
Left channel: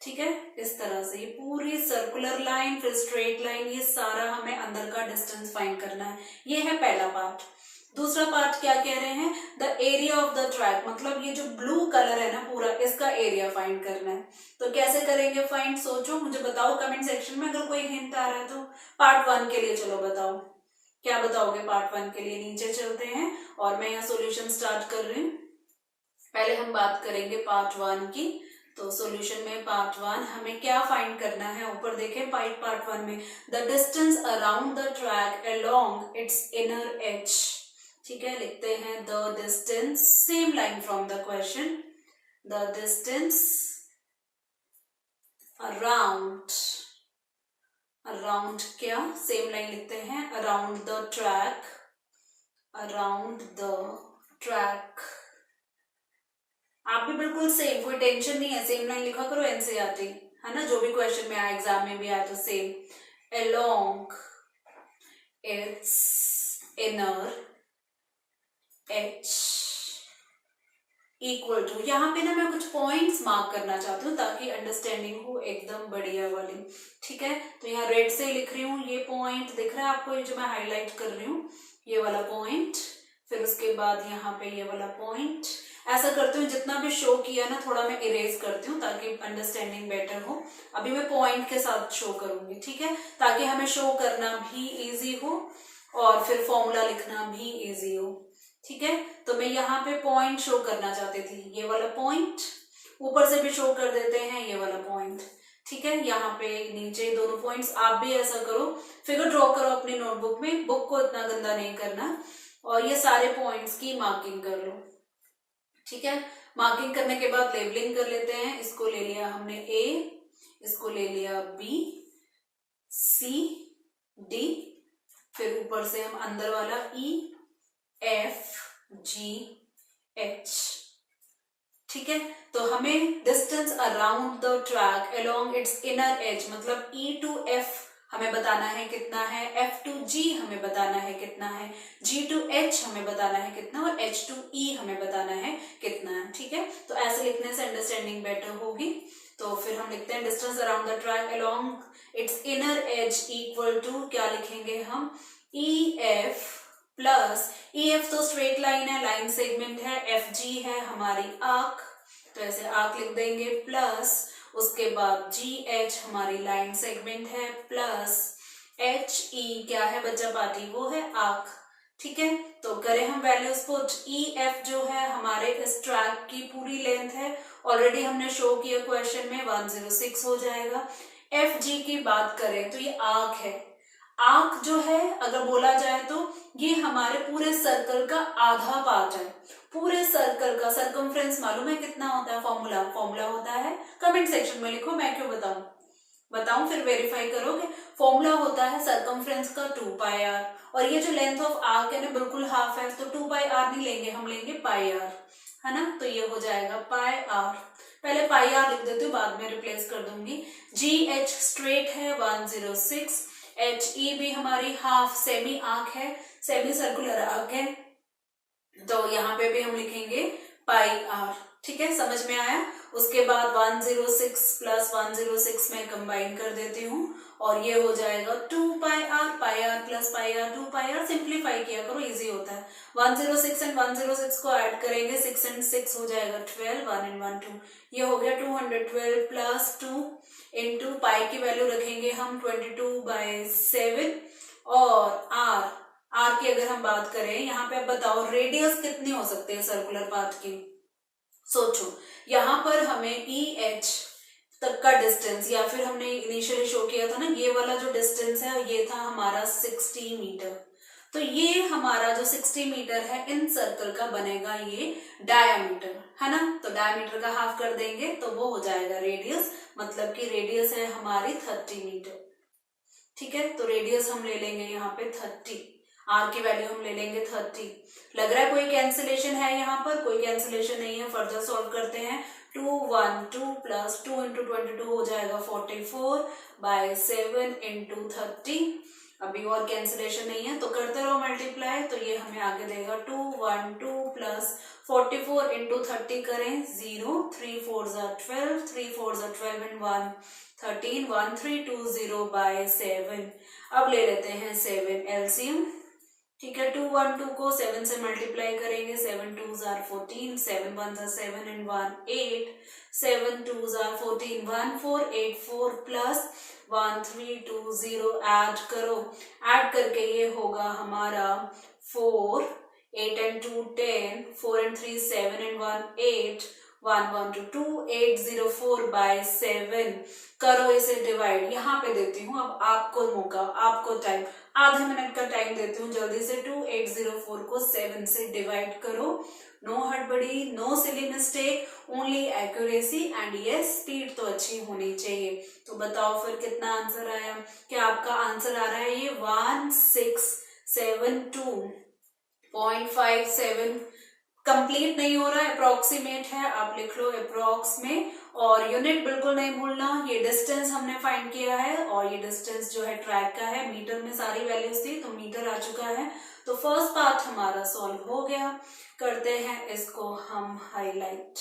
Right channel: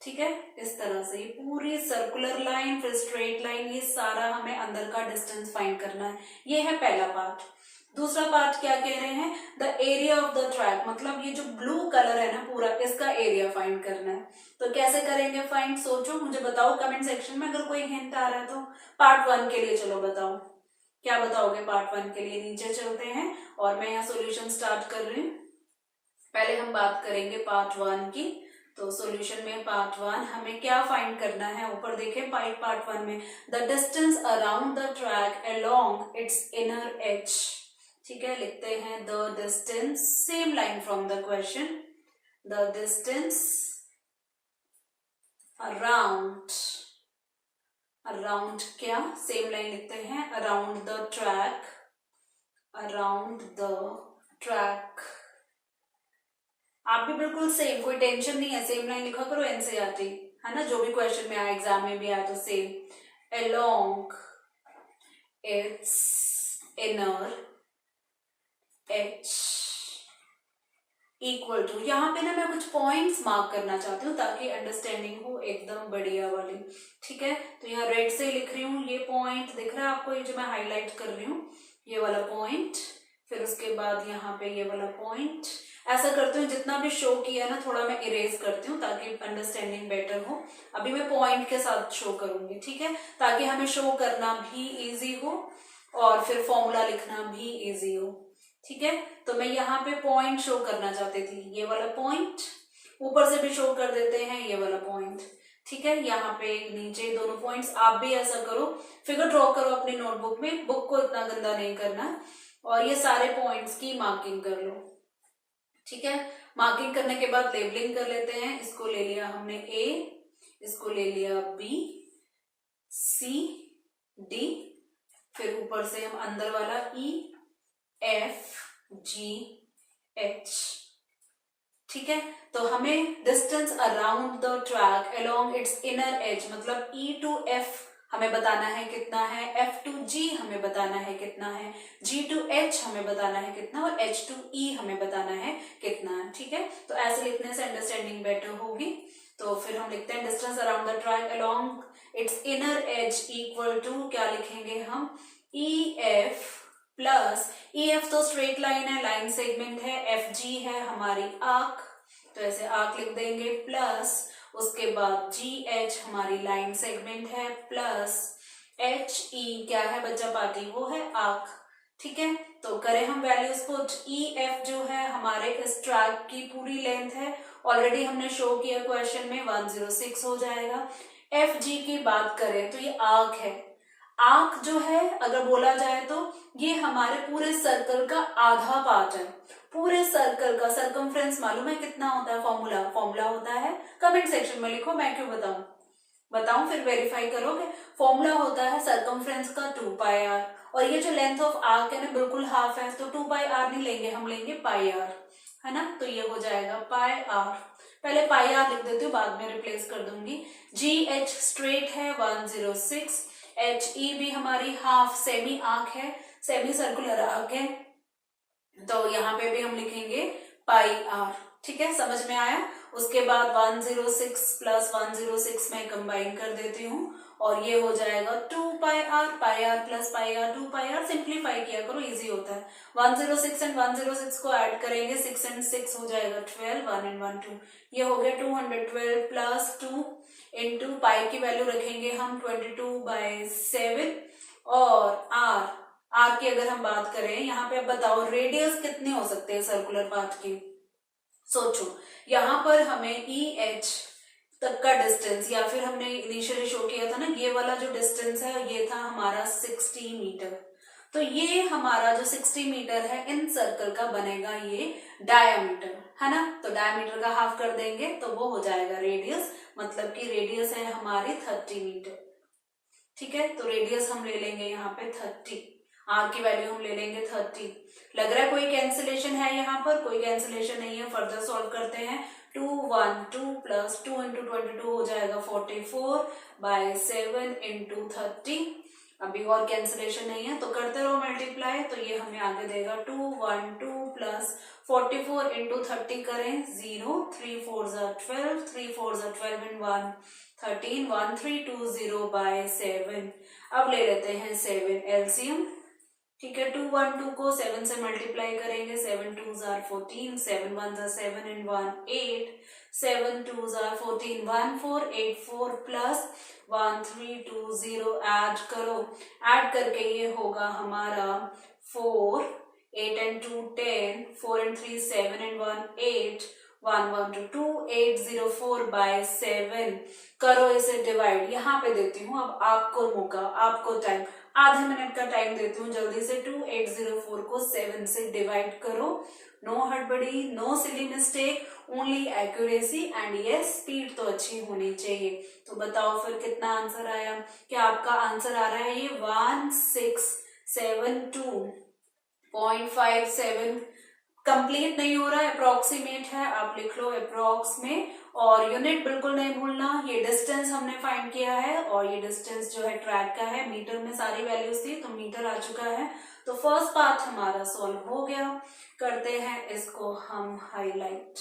ठीक है, इस तरह से ये पूरी सर्कुलर लाइन, फिर स्ट्रेट लाइन, ये सारा हमें अंदर का डिस्टेंस फाइंड करना है। ये है पहला पार्ट। दूसरा पार्ट क्या कह रहे हैं? The area of the track, मतलब ये जो ब्लू कलर है ना पूरा, इसका एरिया फाइंड करना है। तो कैसे करेंगे फाइंड? सोचो, मुझे बताओ कमेंट सेक्शन में अगर कोई हिंट आ रहा है तो। पार्ट 1 के लिए चलो बताओ, क्या बताओगे पार्ट 1 के लिए? नीचे चलते हैं और मैं यहाँ सॉल्यूशन स्टार्ट कर रही हूँ। पहले हम बात करेंगे पार्ट 1 की। तो सॉल्यूशन में पार्ट 1 हमें क्या फाइंड करना है? ऊपर देखें पार्ट 1 में, the distance around the track along its inner as. ठीक है, लिखते हैं the distance, same line from the question, the distance around, around क्या? सेम लाइन लिखते हैं, around the track, around the track. आप भी बिल्कुल सेम, कोई टेंशन नहीं है, सेम लाइन लिखा करो एनसीईआरटी, है ना, जो भी क्वेश्चन में आया, एग्जाम में भी आया तो same. Along its inner edge equal to, यहाँ पे ना मैं कुछ पॉइंट्स मार्क करना चाहती हूँ ताकि अंडरस्टैंडिंग हो एकदम बढ़िया वाली। ठीक है, तो यहाँ रेड से लिख रही हूँ, ये पॉइंट दिख रहा है आपको, ये जो मैं हाईलाइट कर रही हूँ, ये वाला पॉइंट, फिर उसके बाद यहाँ पे ये वाला पॉइंट। ऐसा करती हूँ, जितना भी शो किया ना थोड़ा मैं इरेज करती हूँ ताकि अंडरस्टैंडिंग बेटर हो। अभी मैं पॉइंट के साथ शो करूंगी, ठीक है, ताकि हमें शो करना भी इजी हो और फिर फॉर्मूला लिखना भी इजी हो। ठीक है, तो मैं यहाँ पे पॉइंट शो करना चाहती थी, ये वाला पॉइंट, ऊपर से भी शो कर देते हैं ये वाला पॉइंट। ठीक है, यहाँ पे नीचे दोनों पॉइंट्स। आप भी ऐसा करो, फिगर ड्रॉ करो अपनी नोटबुक में, बुक को इतना गंदा नहीं करना, और ये सारे पॉइंट्स की मार्किंग कर लो। ठीक है, मार्किंग करने के बाद लेबलिंग कर लेते हैं। इसको ले लिया हमने ए, इसको ले लिया बी, सी, डी, फिर ऊपर से हम अंदर वाला ई, एफ, जी, एच। ठीक है, तो हमें distance around the track along its inner as, मतलब ई टू एफ हमें बताना है कितना है, एफ टू जी हमें बताना है कितना है, जी टू एच हमें बताना है कितना, और एच टू ई हमें बताना है कितना है। ठीक है, तो ऐसे लिखने से अंडरस्टैंडिंग बेटर होगी। तो फिर हम लिखते हैं distance around the track along its inner edge equal to, क्या लिखेंगे हम, E F plus, E F तो स्ट्रेट लाइन है, लाइन सेगमेंट है, एफ जी है हमारी आर्क, तो ऐसे आर्क लिख देंगे, प्लस उसके बाद जी एच हमारी लाइन सेगमेंट है, प्लस एच ई क्या है बच्चा पार्टी, वो है आर्क। ठीक है, तो करें हम वैल्यूज पुट, ई एफ जो है हमारे इस ट्रैक की पूरी लेंथ है, ऑलरेडी हमने शो किया क्वेश्चन में, 106 हो जाएगा। एफ जी की बात करें तो ये आर्क है, आर्क जो है अगर बोला जाए तो ये हमारे पूरे सर्कल का आधा पार्ट है। पूरे सर्कल का सर्कमफ्रेंस मालूम है कितना होता है? फॉर्मूला होता है, कमेंट सेक्शन में लिखो, मैं क्यों बताऊं फिर वेरीफाई करोगे। फॉर्मूला होता है सर्कमफ्रेंस का 2 पाई आर, और ये जो लेंथ ऑफ आर्क है ना बिल्कुल हाफ है, तो 2 पाई आर नहीं लेंगे, हम लेंगे पाई आर, है ना, तो ये हो जाएगा पाई आर। पहले पाई आर लिख देती हूँ, बाद में रिप्लेस कर दूंगी। जी एच स्ट्रेट है 106, एच ई भी हमारी हाफ सेमी आर्क है, सेमी सर्कुलर आर्क है, तो यहाँ पे भी हम लिखेंगे पाई आर। ठीक है, समझ में आया। उसके बाद 106 प्लस 106 में कंबाइन कर देती हूँ और ये हो जाएगा 2 pi r plus pi r, 2 pi r, simplify किया करो, इजी होता है। 106 एंड 106 को ऐड करेंगे, 6 एंड 6 हो जाएगा 12, 1 एंड 1 2, ये हो गया 212 प्लस 2 इंटू पाई की वैल्यू रखेंगे हम 22/7, और आर की अगर हम बात करें, यहाँ पे अब बताओ रेडियस कितनी हो सकती है सर्कुलर पाथ की, सोचो। यहाँ पर हमें ई एच तक का डिस्टेंस, या फिर हमने इनिशियली शो किया था ना, ये वाला जो डिस्टेंस है ये था हमारा 60 मीटर। तो ये हमारा जो 60 मीटर है इन सर्कल का बनेगा ये डायामीटर, है ना। तो डायामीटर का हाफ कर देंगे तो वो हो जाएगा रेडियस, मतलब कि रेडियस है हमारी 30 मीटर। ठीक है, तो रेडियस हम ले लेंगे यहाँ पे 30, आर की वैल्यू हम ले लेंगे 30। लग रहा है कोई कैंसिलेशन है यहाँ पर? कोई कैंसिलेशन नहीं है। फर्दर सॉल्व करते हैं। 2 1 2 प्लस 2 इंटू 22 हो जाएगा 44/7 इंटू 30। अभी और कैंसिलेशन नहीं है तो करते रहो मल्टीप्लाई, तो ये हमें आगे देगा 2 1 2 प्लस 44 इंटू 30 करें 0, 3 4 12, 3 4 12 एंड 1 13, 1320/7। अब ले लेते हैं 7 एलसीएम। ठीक है, 2 1 2 को 7 से मल्टीप्लाई करेंगे, 7 2 14, 7 1 7 एंड 1 8, 7 2 14, 1484 प्लस 1320 ऐड करो, ऐड करके ये होगा हमारा 4, 8 एंड 2 10, 4 एंड 3 7 एंड 1 8, 1 1 2 2804/7। करो इसे डिवाइड, यहाँ पे देती हूँ अब आपको मौका, आपको टाइम, आधे मिनट का टाइम देती हूँ, जल्दी से 2804 को 7 से डिवाइड करो। नो हड़बड़ी, no silly mistake, only accuracy and yes speed तो अच्छी होनी चाहिए। तो बताओ फिर कितना आंसर आया? क्या आपका आंसर आ रहा है ये 1672.57? कंप्लीट नहीं हो रहा है, अप्रोक्सीमेट है, आप लिख लो अप्रोक्स में, और यूनिट बिल्कुल नहीं भूलना। ये डिस्टेंस हमने फाइंड किया है और ये डिस्टेंस जो है ट्रैक का है, मीटर में सारी वैल्यूज थी तो मीटर आ चुका है। तो फर्स्ट पार्ट हमारा सॉल्व हो गया। करते हैं इसको हम हाईलाइट।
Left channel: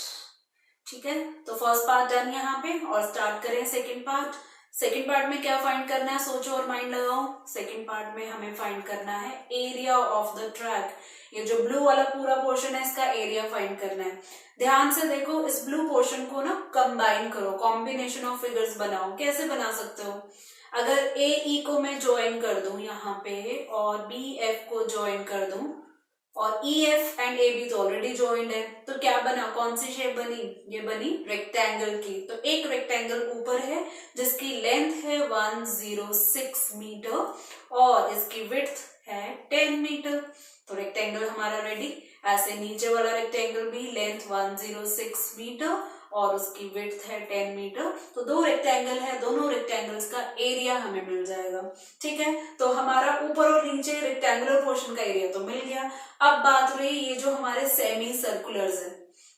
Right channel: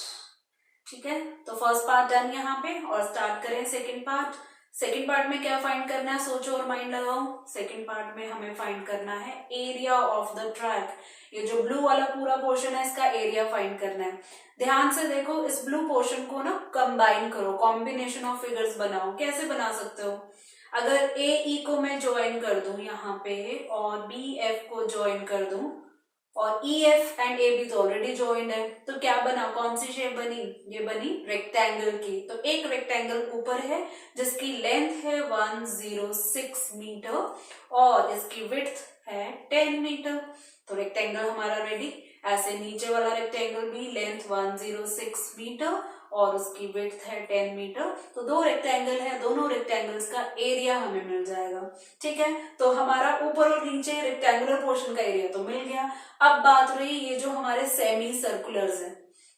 ठीक है, तो फर्स्ट पार्ट डन यहाँ पे, और स्टार्ट करें सेकेंड पार्ट। सेकेंड पार्ट में क्या फाइंड करना है, सोचो और माइंड लगाओ। सेकेंड पार्ट में हमें फाइंड करना है एरिया ऑफ द ट्रैक। ये जो ब्लू वाला पूरा पोर्शन है इसका एरिया फाइंड करना है। ध्यान से देखो, इस ब्लू पोर्शन को ना कंबाइन करो, कॉम्बिनेशन ऑफ फिगर्स बनाओ। कैसे बना सकते हो? अगर ए ई को मैं ज्वाइन कर दूं यहाँ पे और बी एफ को ज्वाइन कर दूं, और E F and A B तो ऑलरेडी ज्वाइंड है, तो क्या बना, कौन सी शेप बनी? ये बनी रेक्टेंगल की। तो एक रेक्टेंगल ऊपर है जिसकी लेंथ है 106 मीटर और इसकी विड्थ है 10 मीटर। तो रेक्टेंगल हमारा रेडी। ऐसे नीचे वाला रेक्टेंगल भी लेंथ 106 मीटर और उसकी विड्थ है 10 मीटर। तो दो रेक्टेंगल है, दोनों रेक्टेंगल्स का एरिया हमें मिल जाएगा। ठीक है, तो हमारा ऊपर और नीचे रेक्टेंगुलर पोर्शन का एरिया तो मिल गया। अब बात रही ये जो हमारे सेमी सर्कुलर्स है,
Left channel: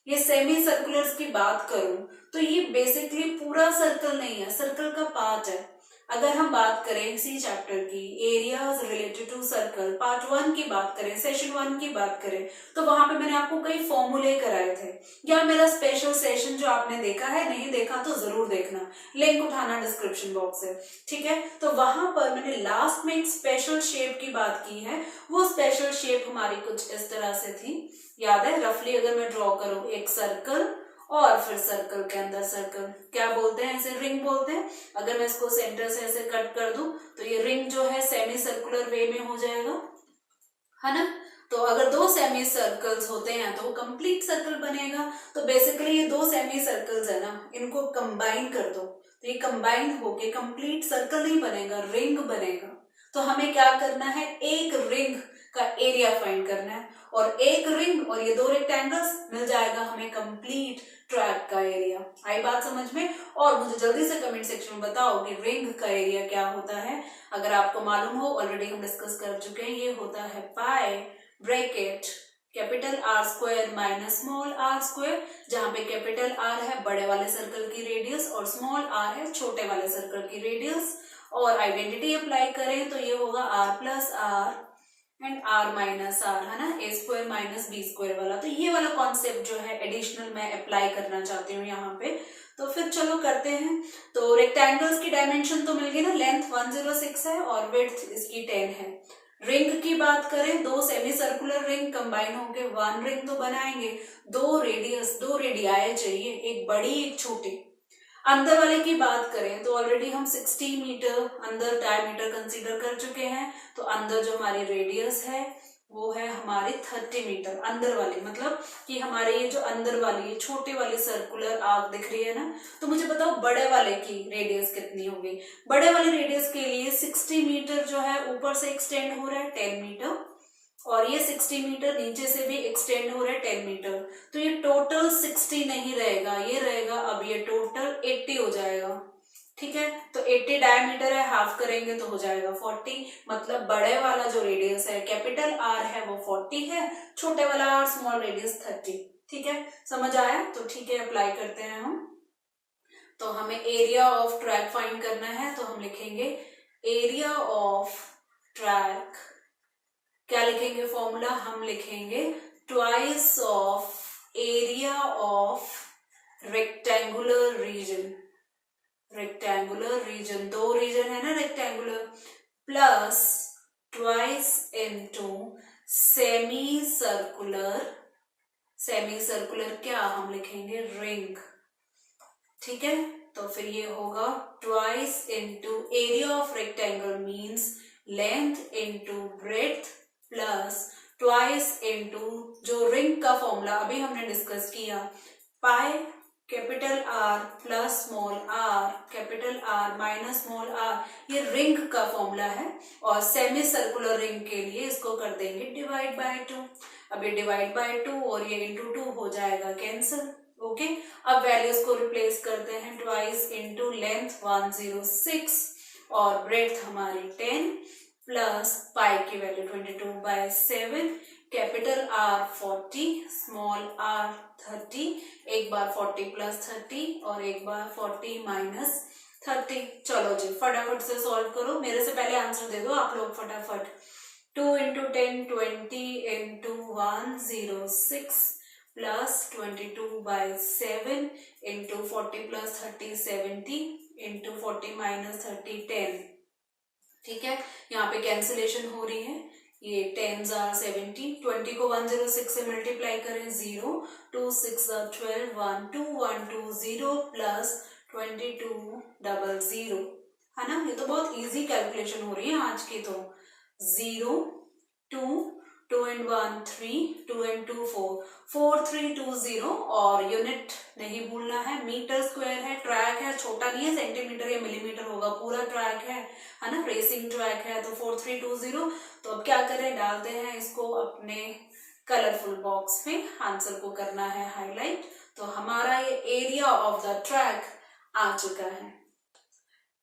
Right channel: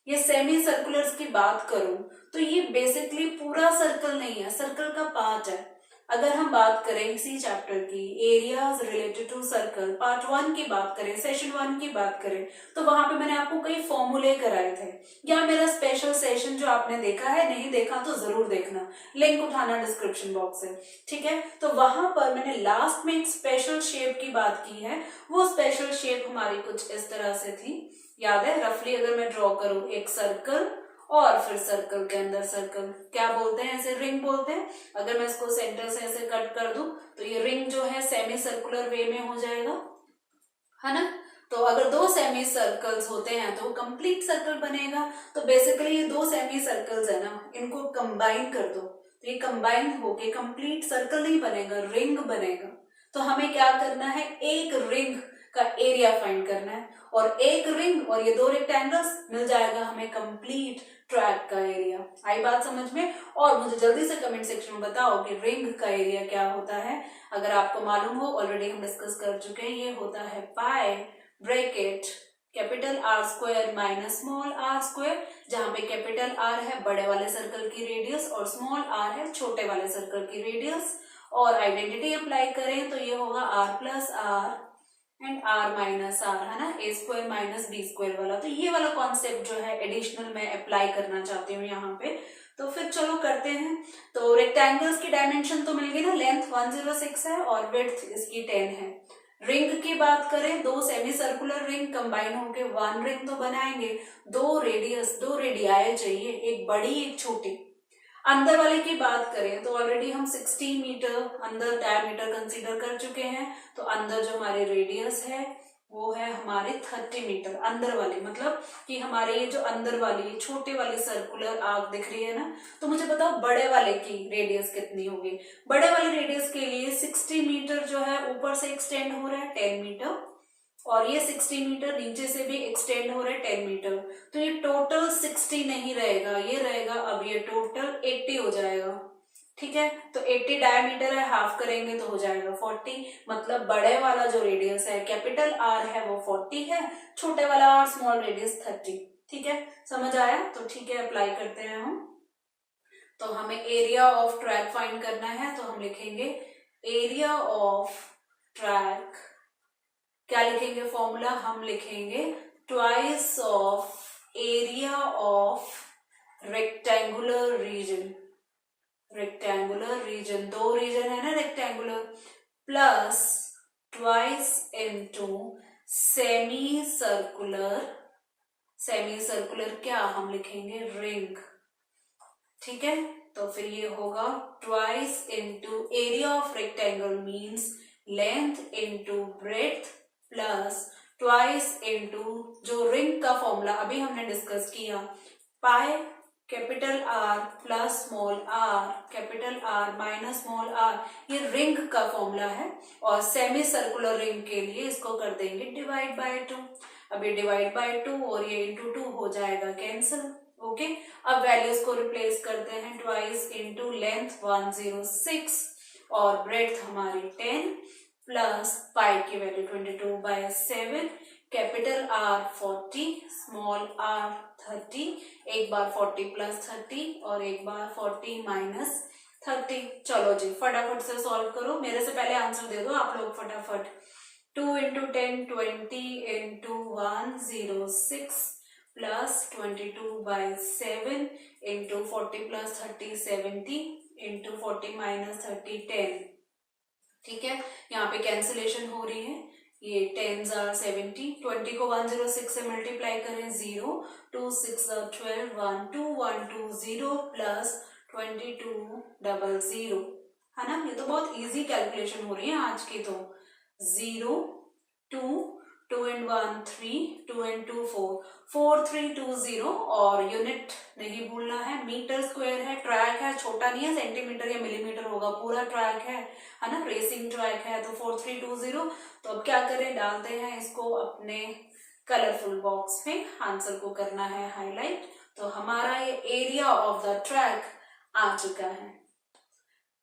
ये सेमी सर्कुलर्स की बात करूं तो ये बेसिकली पूरा सर्कल नहीं है, सर्कल का पार्ट है। अगर हम बात करें इसी चैप्टर की areas related to circle part 1 की बात करें, सेशन 1 की बात करें, तो वहां पे मैंने आपको कई फॉर्मूले कराए थे, या मेरा स्पेशल सेशन जो आपने देखा है, नहीं देखा तो जरूर देखना, लिंक उठाना डिस्क्रिप्शन बॉक्स से। ठीक है, तो वहां पर मैंने लास्ट में एक स्पेशल शेप की बात की है। वो स्पेशल शेप हमारी कुछ इस तरह से थी, याद है? रफली अगर मैं ड्रॉ करूं, एक सर्कल और फिर सर्कल के अंदर सर्कल, क्या बोलते हैं इसे? रिंग बोलते हैं। अगर मैं इसको सेंटर से ऐसे कट कर दूं तो ये रिंग जो है सेमी सर्कुलर वे में हो जाएगा, है ना। तो अगर दो सेमी सर्कल्स होते हैं तो वो कंप्लीट सर्कल बनेगा। तो बेसिकली ये दो सेमी सर्कल्स है ना, इनको कंबाइन कर दो तो ये कंबाइन होके कंप्लीट सर्कल नहीं बनेगा, रिंग बनेगा। तो हमें क्या करना है, एक रिंग का एरिया फाइंड करना है, और एक रिंग और ये दो रेक्टेंगल्स मिल जाएगा हमें कंप्लीट ट्रैक का एरिया। आई बात समझ में? और मुझे जल्दी से कमेंट सेक्शन में बताओ कि रिंग का एरिया क्या होता है। अगर आपको मालूम हो, ऑलरेडी हम डिस्कस कर चुके हैं, ये होता है pi bracket capital r square minus small r square, जहां पे कैपिटल आर है बड़े वाले सर्कल की रेडियस और स्मॉल आर है छोटे वाले सर्कल की रेडियस। और आइडेंटिटी अप्लाई करें तो ये होगा R plus R and R minus R, है ना, A square minus B square वाला। तो ये वाला कॉन्सेप्ट जो है एडिशनल मैं अप्लाई करना चाहती हूँ यहाँ पे। तो फिर चलो करते हैं। तो रेक्टेंगल्स की डायमेंशन तो मिल गई ना, लेंथ 106 है और विड्थ इसकी 10 है। रिंग की बात करें, दो सेमी सर्कुलर रिंग कंबाइन होके वन रिंग तो बनाएंगे। दो रेडियस, दो रेडियाई चाहिए, एक बड़ी एक छोटी। अंदर वाले की बात करें तो ऑलरेडी हम 60 मीटर अंदर डायमीटर कंसीडर कर चुके हैं। तो अंदर जो हमारी रेडियस है वो है हमारे 30 मीटर अंदर वाली, मतलब कि हमारे ये जो अंदर वाली ये छोटे वाली सर्कुलर आर्क दिख रही है ना, तो मुझे बताओ बड़े वाले की रेडियस कितनी होगी। बड़े वाले रेडियस के लिए 60 मीटर जो है ऊपर से एक्सटेंड हो रहा है 10 मीटर, और ये 60 मीटर नीचे से भी एक्सटेंड हो रहा है 10 मीटर, तो ये टोटल 60 नहीं रहेगा, ये रहेगा अब ये टोटल 80 हो जाएगा। ठीक है, तो 80 डायमीटर है, हाफ करेंगे तो हो जाएगा 40, मतलब बड़े वाला जो रेडियस है कैपिटल आर है वो 40 है, छोटे वाला आर स्मॉल रेडियस 30। ठीक है, समझ आया? तो ठीक है, अप्लाई करते हैं हम। तो हमें एरिया ऑफ ट्रैक फाइंड करना है, तो हम लिखेंगे एरिया ऑफ ट्रैक, क्या लिखेंगे फॉर्मूला, हम लिखेंगे twice of area of rectangular reason, rectangular reason, दो रीजन है ना rectangular, plus twice into semi circular, semi circular क्या हम लिखेंगे रिंग। ठीक है, तो फिर ये होगा twice into area of rectangle means length into breadth plus twice into जो रिंग का फॉर्मूला अभी हमने डिस्कस किया, pi capital R plus small R capital R minus small R, ये रिंग का फॉर्मूला है, और सेमी सर्कुलर रिंग के लिए इसको कर देंगे डिवाइड बाय 2। अब ये डिवाइड बाय 2 और ये इंटू 2 हो जाएगा कैंसिल। ओके, अब वैल्यूज को रिप्लेस करते हैं, ट्वाइस इंटू लेंथ 106 और ब्रेड्थ हमारी 10 प्लस पाई की value 22/7, capital R 40 small R 30, एक बार 40 प्लस 30 और एक बार 40 माइनस 30। चलो जी फटाफट से सॉल्व करो, मेरे से पहले आंसर दे दो आप लोग फटाफट। 2 into 10 20 into 106 plus 22/7 into 40 plus 30 70 into 40 minus 30 10। ठीक है, यहाँ पे कैंसिलेशन हो रही है, ये 10s are 70, 20 को 106 से मल्टीप्लाई करें 0, 2 6 are 12, 1 2 1 2 0 प्लस 2200, है ना। ये तो बहुत इजी कैलकुलेशन हो रही है आज की, तो 0 2 2 and 1 3 2 and 2 4 4 3 2 0, और यूनिट नहीं भूलना है, मीटर स्क्वायर है, ट्रैक है, छोटा नहीं है सेंटीमीटर या मिलीमीटर होगा, पूरा ट्रैक है ना, रेसिंग ट्रैक है, तो 4 3 2 0। तो अब क्या करें, डालते हैं इसको अपने कलरफुल बॉक्स में, आंसर को करना है हाईलाइट। तो हमारा ये एरिया ऑफ द ट्रैक आ चुका है।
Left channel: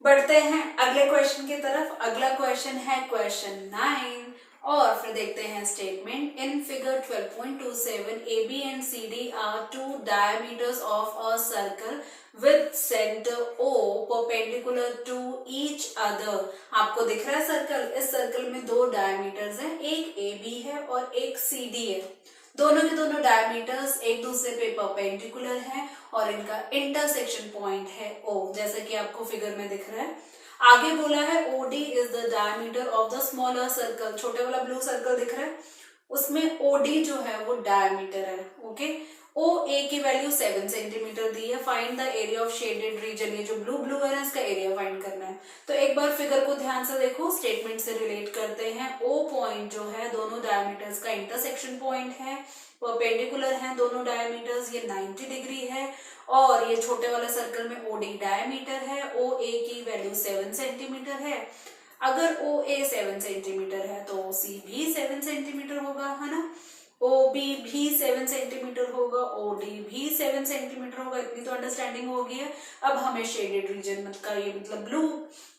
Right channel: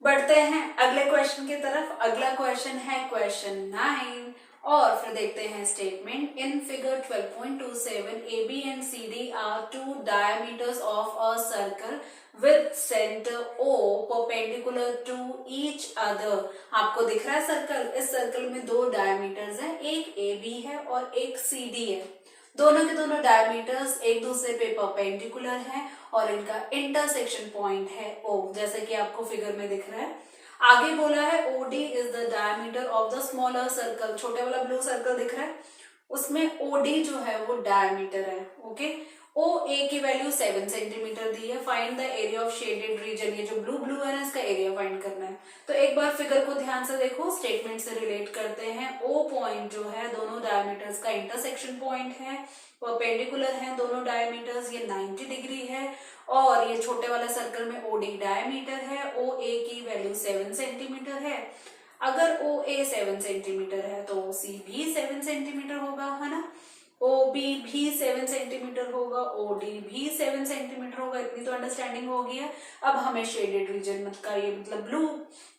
बढ़ते हैं अगले क्वेश्चन की तरफ। अगला क्वेश्चन है क्वेश्चन 9, और फिर देखते हैं statement. In figure 12.27 AB and CD are two diameters of a circle with centre O perpendicular to each other. आपको दिख रहा है सर्कल, इस सर्कल में दो डायमीटर्स हैं, एक AB है और एक CD है। दोनों के दोनों डायमीटर्स एक दूसरे पे परपेंडिकुलर हैं और इनका इंटरसेक्शन पॉइंट है O, जैसे कि आपको फिगर में दिख रहा है। आगे बोला है OD is the diameter of the smaller circle, छोटे वाला ब्लू सर्कल दिख रहा है, उसमें OD जो है वो डायमीटर है। ओके, OA की वैल्यू 7 सेंटीमीटर दी है। Find the area of shaded region, ये जो ब्लू ब्लू है ना, इसका एरिया फाइंड करना है। तो एक बार फिगर को ध्यान से देखो, स्टेटमेंट से रिलेट करते हैं। O पॉइंट जो है दोनों डायमीटर्स का इंटरसेक्शन पॉइंट है, परपेंडिकुलर हैं दोनों डायमीटर्स, ये 90 डिग्री है, और ये छोटे वाला सर्कल में OD डायमीटर है, OA की वैल्यू 7 सेंटीमीटर है। अगर OA 7 सेंटीमीटर है तो OC भी 7 सेंटीमीटर होगा, है ना। OB भी 7 सेंटीमीटर होगा, OD भी 7 सेंटीमीटर होगा, इतनी तो अंडरस्टैंडिंग हो गई है। अब हमें शेडेड रीजन का ये मतलब ब्लू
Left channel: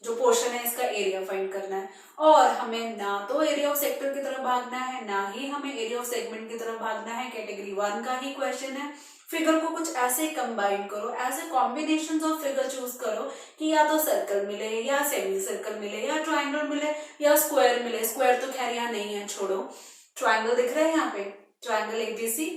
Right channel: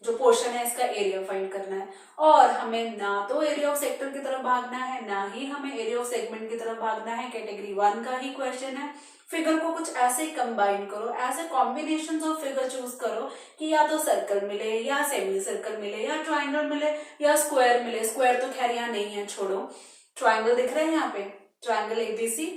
जो पोर्शन है इसका एरिया फाइंड करना है, और हमें ना तो एरिया ऑफ सेक्टर की तरफ भागना है, ना ही हमें एरिया ऑफ सेगमेंट की तरफ भागना है। कैटेगरी 1 का ही क्वेश्चन है। फिगर को कुछ ऐसे कंबाइन करो, ऐसे कॉम्बिनेशन ऑफ फिगर चूज करो कि या तो सर्कल मिले या सेमी सर्कल मिले या ट्राइंगल मिले या स्क्वायर मिले। स्क्वायर तो खैर यहाँ नहीं है, छोड़ो। ट्राइंगल दिख रहा है यहाँ पे, ट्राइंगल ABC,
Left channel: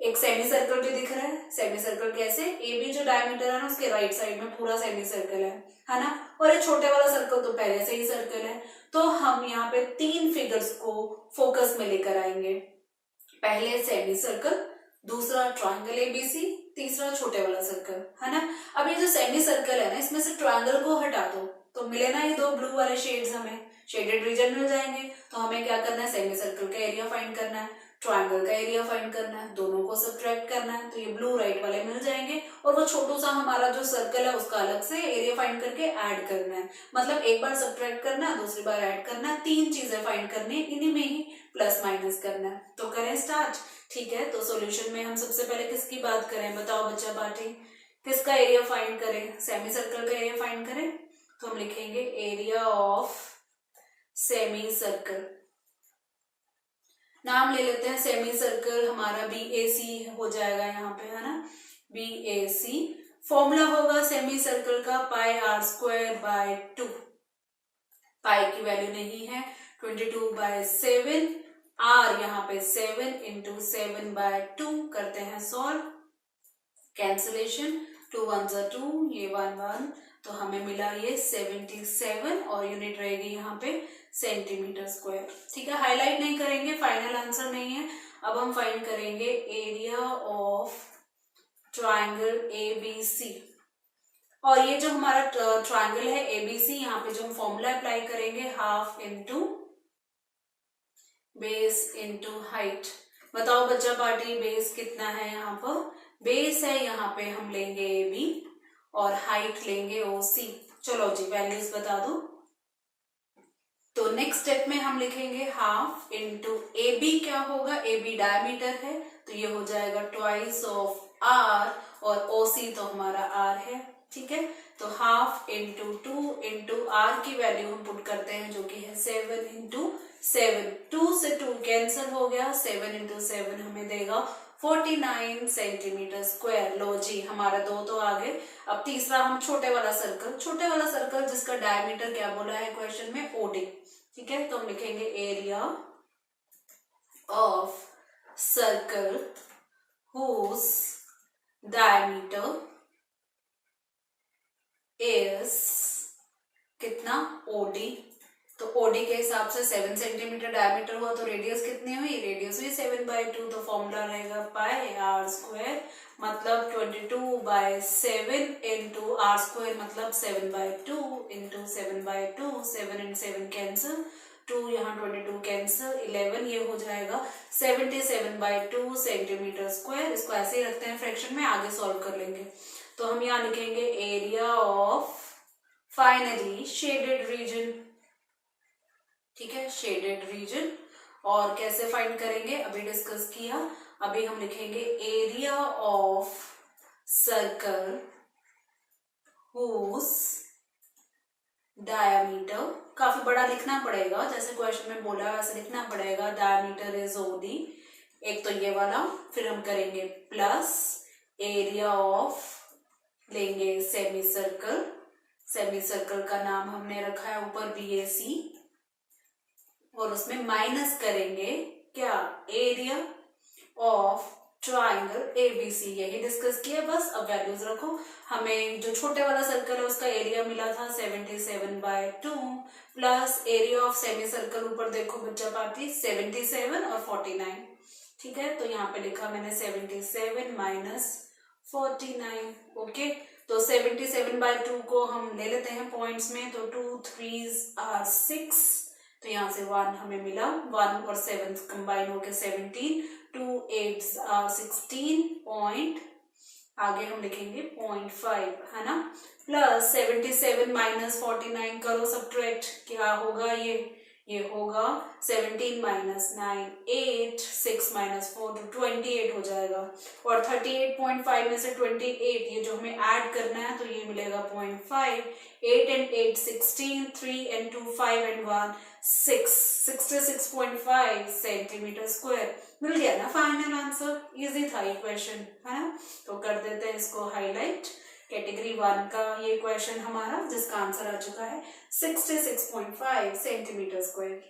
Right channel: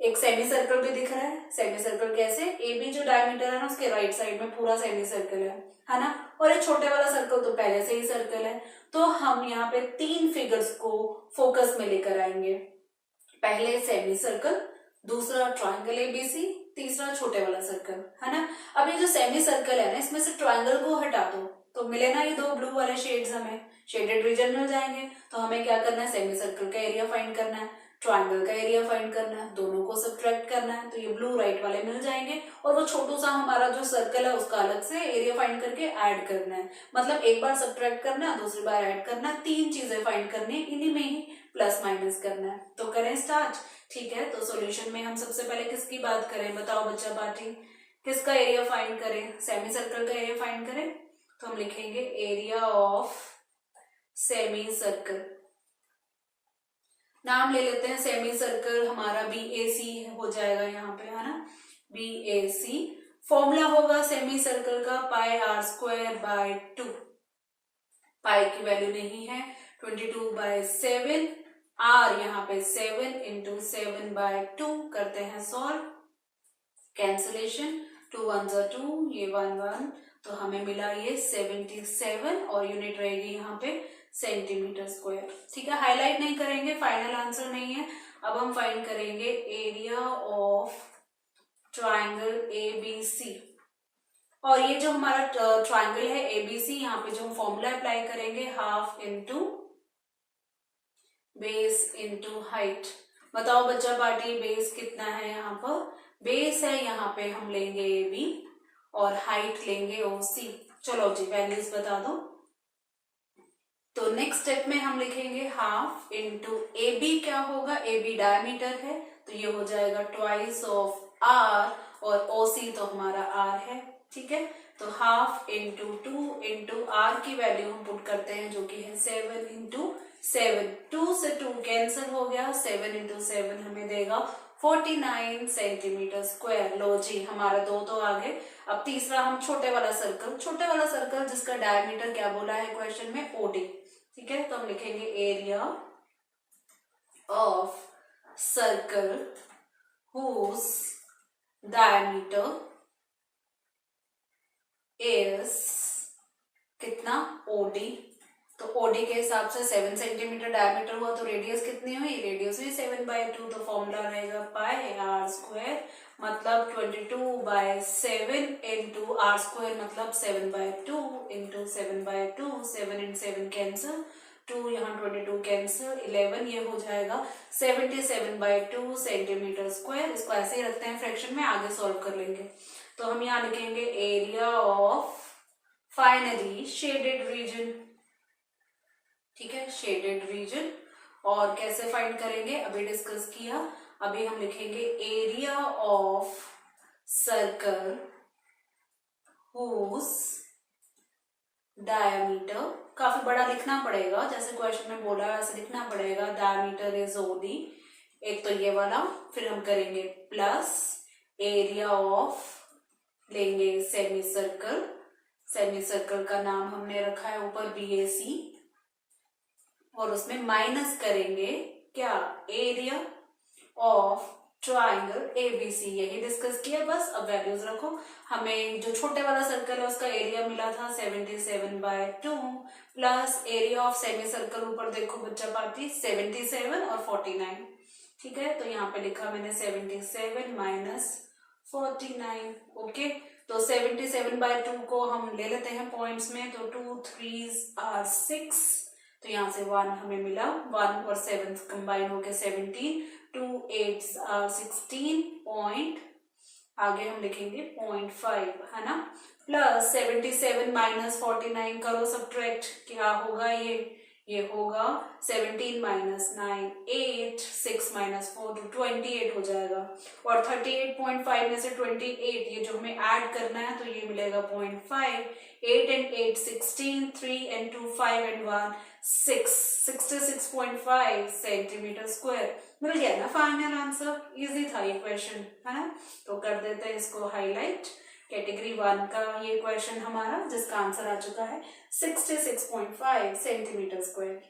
एक सेमी सर्कल भी दिख रहा है। सेमी सर्कल कैसे, AB जो डायमीटर है ना उसके राइट साइड में पूरा सेमी सर्कल है ना, और ये छोटे वाला सर्कल तो पहले से ही सर्कल है। तो हम यहाँ पे 3 फिगर्स को फोकस में लेकर आएंगे। पहले सेमी सर्कल, दूसरा ट्राइंगल ABC, तीसरा छोटे वाला सर्कल, है ना। अब ये जो सेमी सर्कल है ना, इसमें से ट्राइंगल को हटा दो तो मिले ना ये दो ब्लू वाले शेड्स, हमें शेडेड रीजन मिल जाएंगे। तो हमें क्या करना है, सेमी सर्कल का एरिया फाइंड करना है, ट्राइंगल का एरिया फाइंड करना है, दोनों को सब्ट्रैक्ट करना है। तो ये ब्लू राइट वाले मिल जाएंगे और वो छोटू सा हमारा जो सर्कल है उसका अलग से एरिया फाइंड करके ऐड करना है। मतलब एक बार सब्ट्रैक्ट करना है, दूसरी बार ऐड करना है, 3 चीजें फाइंड करनी है, इन्हीं में ही प्लस माइनस करना है। तो करें स्टार्ट। ठीक है, तो सॉल्यूशन में हम सबसे पहले किसकी बात करें, बताओ बच्चा पार्टी, किसका एरिया फाइंड करें, सेमी सर्कल का एरिया फाइंड करें। तो हम लिखेंगे एरिया ऑफ सेमी सर्कल, नाम ले लेते हैं सेमी सर्कल, हमारा BAC हो जाएगा यहाँ पे, है ना, BAC। फॉर्मूला होगा सेमी सर्कल का पाई आर स्क्वायर बाय 2, पाई की वैल्यू नहीं है, 22/7, आर यहाँ पे 7 × 7/2, करते हैं सॉल्व, कैंसिलेशन, 2 1 2, ये 1 1, तो हमें मिला ये 77 और यूनिट रहेगी यहाँ पे सेंटीमीटर स्क्वायर। ठीक है, हाईलाइट नहीं करेंगे, फाइनल आंसर नहीं है। अब हम फाइंड करेंगे एरिया ऑफ ट्राइंगल ABC, और ये जो हमारा ट्राइंगल है ABC, यहाँ पे जो हम फॉर्मूला अप्लाई करेंगे, half into base into height. बताओ बच्चा पार्टी, बेस कितना है यहाँ पर, बेस है यहाँ पे हम लेंगे AB और हाइट लेंगे OC। चलो जी वैल्यूज बता दो। तो नेक्स्ट स्टेप में हम लिखेंगे हाफ इंटू AB, क्या होगा, AB डायमीटर है तो ये हो जाएगा ट्वाइस ऑफ R, और OC तो हमारा R है। ठीक है, तो हाफ इंटू 2 इंटू R की वैल्यू हम पुट करते हैं जो कि है 7 × 7, 2 से 2 कैंसिल हो गया, 7 × 7 हमें देगा 49 सेंटीमीटर स्क्वायर। लो जी, हमारा 2 तो आ गए। अब तीसरा हम छोटे वाला सर्कल जिसका डायमीटर क्या बोला है क्वेश्चन में, OD। ठीक है, तो हम लिखेंगे area of circle whose diameter is कितना, OD। तो OD के हिसाब से 7 सेंटीमीटर डायमीटर हुआ तो रेडियस कितनी हुई, रेडियस हुई 7/2। तो फॉर्मूला रहेगा पाई आर स्क्वायर, मतलब 22/7 इंटू R स्क्वायर, मतलब 7/2 इंटू 7/2, 7 × 7 कैंसिल, 2 यहाँ 22 कैंसिल, 11, ये हो जाएगा 77/2 सेंटीमीटर स्क्वायर। इसको ऐसे ही रखते हैं फ्रैक्शन में, आगे सॉल्व कर लेंगे। तो हम यहाँ लिखेंगे area of finally shaded region. ठीक है, शेडेड रीजन, और कैसे फाइंड करेंगे अभी डिस्कस किया। अभी हम लिखेंगे area of circle whose diameter, काफी बड़ा लिखना पड़ेगा, जैसे क्वेश्चन में बोला वैसे लिखना पड़ेगा, डायमीटर इज OD, एक तो ये वाला, फिर हम करेंगे प्लस एरिया ऑफ, लेंगे सेमी सर्कल का नाम हमने रखा है ऊपर BAC, और उसमें माइनस करेंगे क्या, एरिया ऑफ ट्राइंगल ABC। यही डिस्कस किया बस। अब वैल्यूज रखो, हमें जो छोटे वाला सर्कल है उसका एरिया मिला था 77/2, plus area of semi circle, ऊपर देखो बच्चा पार्टी 77 और 49। ठीक है, तो यहाँ पे लिखा मैंने 77 माइनस 49। ओके, तो 77/2 को हम ले लेते हैं पॉइंट्स में, तो 2 3s are 6, तो यहाँ से 1 हमें मिला, 1 और 7 कंबाइन होके 17, 2 8s are 16 पॉइंट, आगे हम लिखेंगे 0.5, है ना, प्लस 77 माइनस 49 करो सब्ट्रैक्ट, क्या होगा ये होगा 17 माइनस 9 8, 6 माइनस 4 28 हो जाएगा, और 38.5 में से 28 ये जो हमें ऐड करना है तो ये मिलेगा 0.5, 8 and 8 16, 3 and 2 5 and 1 6, 66.5 centimetre square. मिल गया ना फाइनल आंसर, इजी था ये क्वेश्चन, है ना। तो कर देते हैं इसको हाईलाइट, कैटेगरी 1 का ये क्वेश्चन हमारा, जिसका आंसर आ चुका है 66.5 सेंटीमीटर स्क्वायर।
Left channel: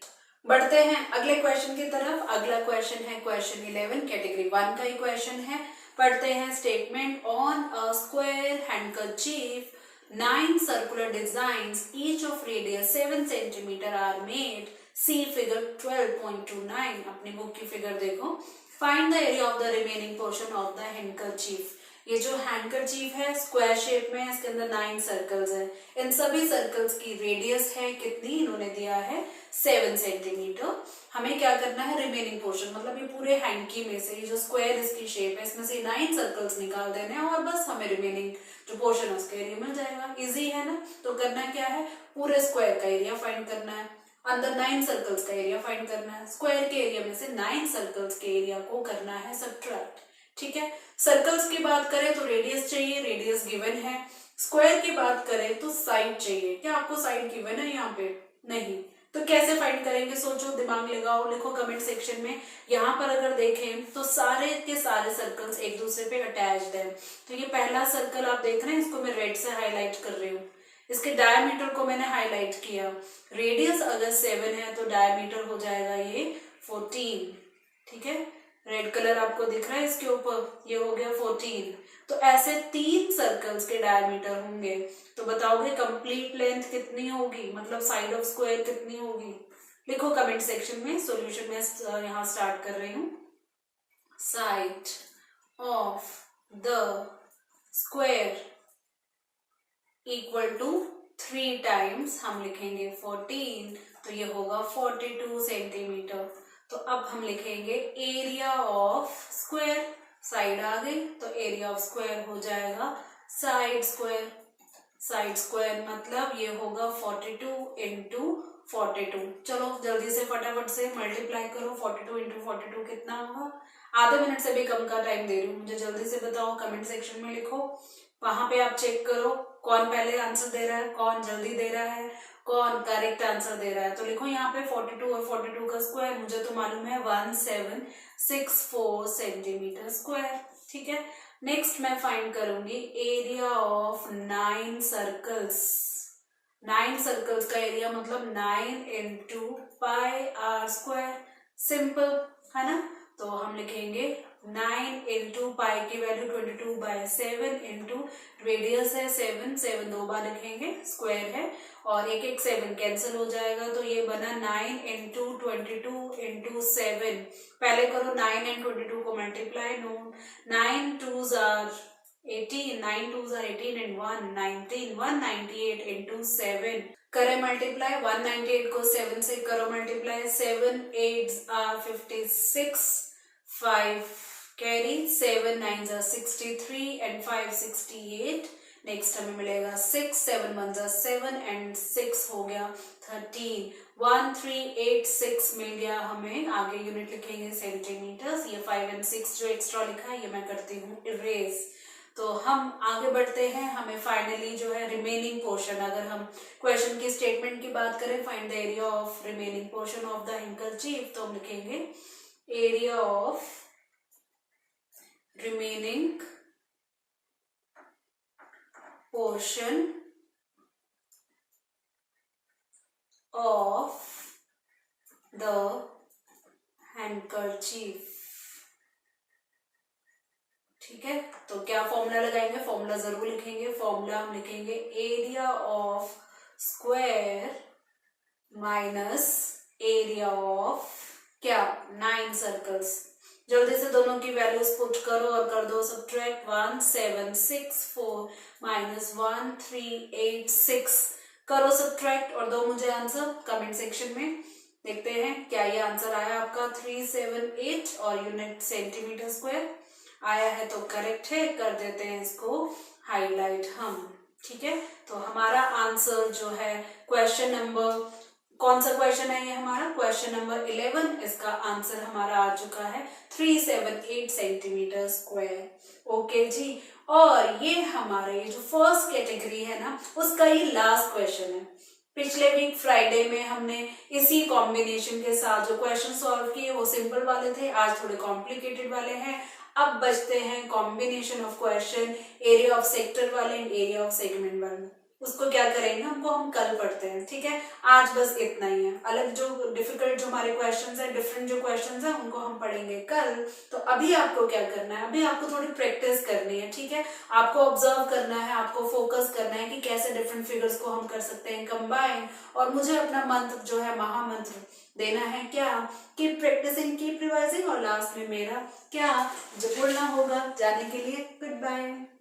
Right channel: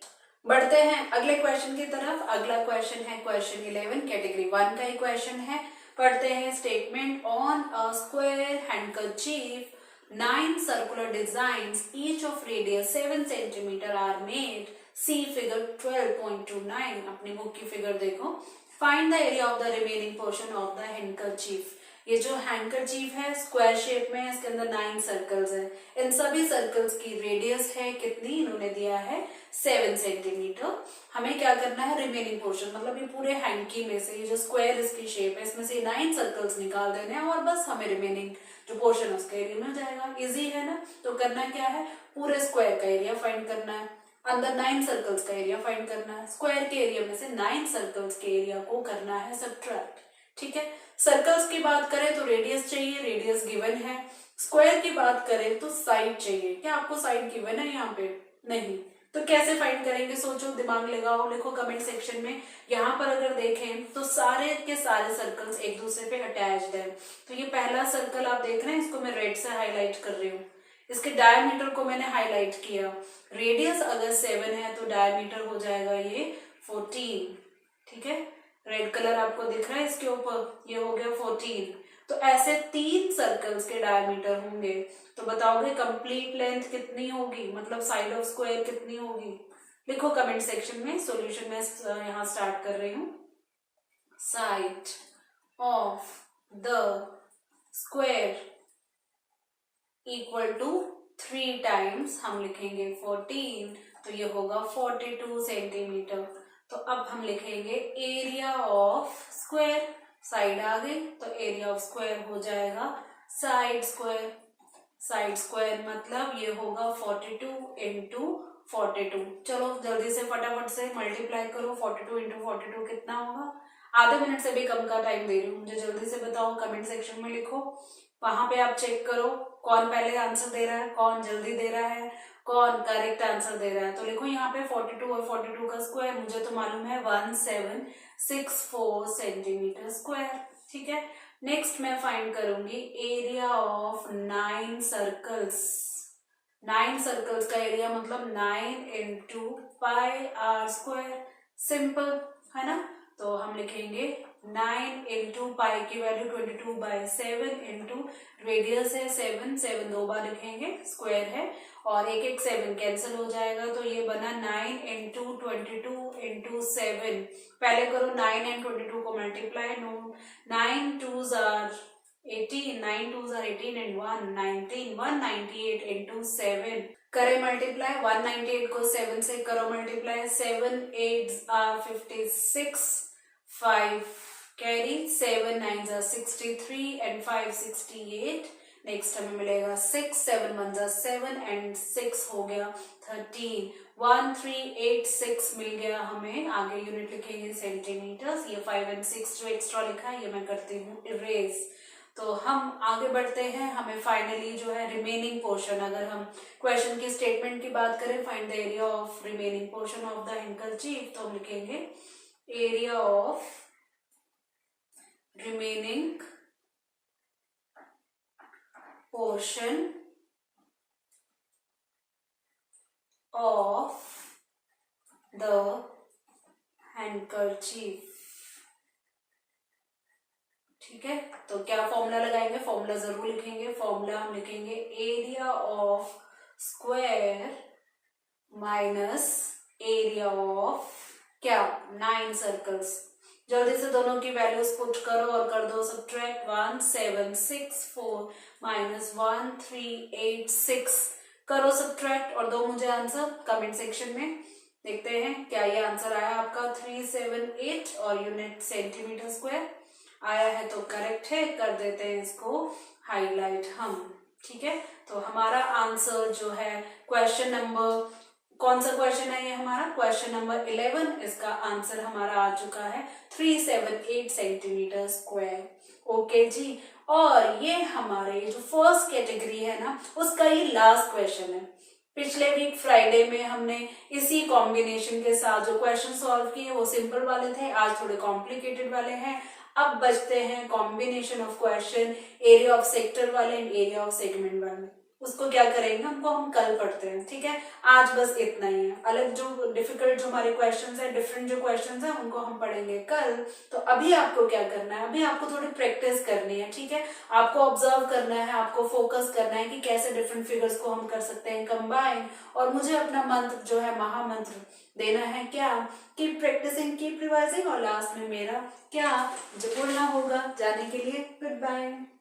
बढ़ते हैं अगले क्वेश्चन की तरफ। अगला क्वेश्चन है क्वेश्चन 11, कैटेगरी 1 का ही क्वेश्चन है। पढ़ते हैं, statement on a square handkerchief 9 circular designs, each of radius 7 centimeter are made. See figure 12.29. अपनी बुक की फिगर देखो। Find the area of the remaining portion of the handkerchief. ये जो हैंकरचीफ है स्क्वायर शेप में है, इसके अंदर 9 सर्कल्स हैं। इन सभी सर्कल्स की रेडियस है कितनी, इन्होंने दिया है 7 सेंटीमीटर। हमें क्या करना है, रिमेनिंग पोर्शन मतलब ये पूरे हैंकी में से ये जो स्क्वायर इसकी शेप है इसमें से 9 सर्कल्स निकाल देने हैं और बस हमें रिमेनिंग जो पोर्शन है उसका एरिया मिल जाएगा। इजी है ना। तो करना क्या है, पूरे स्क्वायर का एरिया फाइंड करना है, अंदर 9 सर्कल्स का एरिया फाइंड करना है, स्क्वायर के एरिया में से 9 सर्कल्स के एरिया को करना है सब्ट्रैक्ट। ठीक है। सर्कल्स की बात करें तो रेडियस चाहिए, रेडियस गिवन है। स्क्वायर की बात करें तो साइड चाहिए। क्या आपको साइड गिवन है यहाँ पे? नहीं। तो कैसे फाइंड करेंगे, सोचो, दिमाग लगाओ, लिखो कमेंट सेक्शन में। यहाँ पर अगर देखें तो सारे के सारे सर्कल्स एक दूसरे पे अटैच्ड है। तो ये पहला सर्कल आप देख रहे हैं, इसको मैं रेड से हाईलाइट कर रही हूँ, इसके डायमीटर को मैंने हाईलाइट किया। रेडियस अगर 7 है तो डायमीटर हो जाएगा ये 14। ठीक है, रेड कलर आपको दिख रहा है इसके ऊपर, ये हो गया 14। तो ऐसे 3 सर्कल्स के डायमीटर होंगे। तो बताओगे कंप्लीट लेंथ कितनी होगी, मतलब साइड ऑफ स्क्वायर कितनी होगी? लिखो कमेंट सेक्शन में। सॉल्यूशन में यहाँ स्टार्ट कर रही हूँ। Side of the square equal to 3 times हम लिखेंगे 14, तो ये होगा 42 सेंटीमीटर। तो अब हम लिखेंगे एरिया ऑफ स्क्वायर, साइड आ गई तो एरिया ऑफ स्क्वायर हो जाएगा साइड स्क्वायर। साइड स्क्वायर मतलब ये होगा 42 इंटू 42। चलो जल्दी से फटाफट से मल्टीप्लाई करो, 42 इंटू 42 कितना होगा? आधे मिनट से भी कम का टाइम दे रही हूँ, मुझे जल्दी से बताओ, कमेंट सेक्शन में लिखो। वहां पे आप चेक करो कौन पहले आंसर दे रहा है, कौन जल्दी दे रहा है, कौन करेक्ट आंसर दे रहा है। तो लिखो यहाँ पे 42 और 42 का स्क्वायर, मुझे तो मालूम है 1764 सेंटीमीटर स्क्वायर। ठीक है। नेक्स्ट मैं फाइंड करूंगी एरिया ऑफ 9 सर्कल्स। 9 सर्कल्स का एरिया मतलब 9 into pi R square. Simple है ना। तो हम लिखेंगे 9 इंटू पाई की वैल्यू 22/7 इंटू रेडियस है 7, 7 2 बार लिखेंगे, स्क्वायर है और एक एक 7 कैंसिल हो जाएगा। तो ये बना 9 इंटू 22 इंटू 7। पहले करो 9 एंड 22 को multiply. 9 2s are 18, 9 2s are 18 and 1 19, 198 into 7 करें मल्टीप्लाई। 198 को 7 से करो multiply, 7 8s are 56, 5 carry, 7 9s are 63 and 5 68। Next हमें मिलेगा 6, 7 1s are 7 and 6 हो गया 13। 1386 मिल गया हमें। आगे यूनिट लिखेंगे सेंटीमीटर्स। ये 5 and 6 जो एक्स्ट्रा लिखा है ये मैं करती हूँ इरेज। तो हम आगे बढ़ते हैं। हमें फाइनली जो है रिमेनिंग पोर्शन, अगर हम क्वेश्चन की स्टेटमेंट की बात करें, find the area of remaining portion of the handkerchief, तो हम लिखेंगे area of remaining portion of the handkerchief. ठीक है। तो क्या फॉर्मूला लगाएंगे? फॉर्मूला जरूर लिखेंगे। फॉर्मूला हम लिखेंगे area of square minus area of क्या 9 सर्कल्स। जल्दी से दोनों की वैल्यूज पुट करो और कर दो सब्ट्रैक्ट। 1764 माइनस 1386 करो सब्ट्रैक्ट और दो मुझे आंसर कमेंट सेक्शन में। देखते हैं क्या ये आंसर आया आपका 378 और यूनिट सेंटीमीटर स्क्वायर आया है तो करेक्ट है। कर देते हैं इसको हाईलाइट हम। ठीक है। तो हमारा आंसर जो है क्वेश्चन नंबर, कौन सा क्वेश्चन है ये हमारा? Question number 11। इसका आंसर हमारा आ चुका है 378 सेंटीमीटर स्क्वायर। ओके जी। और ये हमारे जो फर्स्ट कैटेगरी है ना उसका ये लास्ट क्वेश्चन है। पिछले वीक फ्राइडे में हमने इसी कॉम्बिनेशन के साथ जो क्वेश्चन सॉल्व किए वो सिंपल वाले थे, आज थोड़े कॉम्प्लिकेटेड वाले हैं। अब बचते हैं combination of question area of sector वाले एंड एरिया ऑफ सेगमेंट वाले। उसको क्या करेंगे, उनको हम कल पढ़ते हैं, ठीक है। आज बस इतना ही है। अलग जो डिफिकल्ट जो हमारे क्वेश्चंस है, डिफरेंट जो क्वेश्चंस है, उनको हम पढ़ेंगे कल। तो अभी आपको क्या करना है, अभी आपको थोड़ी प्रैक्टिस करनी है, ठीक है। आपको ऑब्जर्व करना है, आपको फोकस करना है कि कैसे डिफरेंट फिगर्स को हम कर सकते हैं कंबाइन। और मुझे अपना मंत्र जो है, महामंत्र देना है क्या, कीप प्रैक्टिसिंग, कीप रिवाइजिंग। और लास्ट में मेरा क्या जो बोलना होगा जाने के लिए, गुड बाय।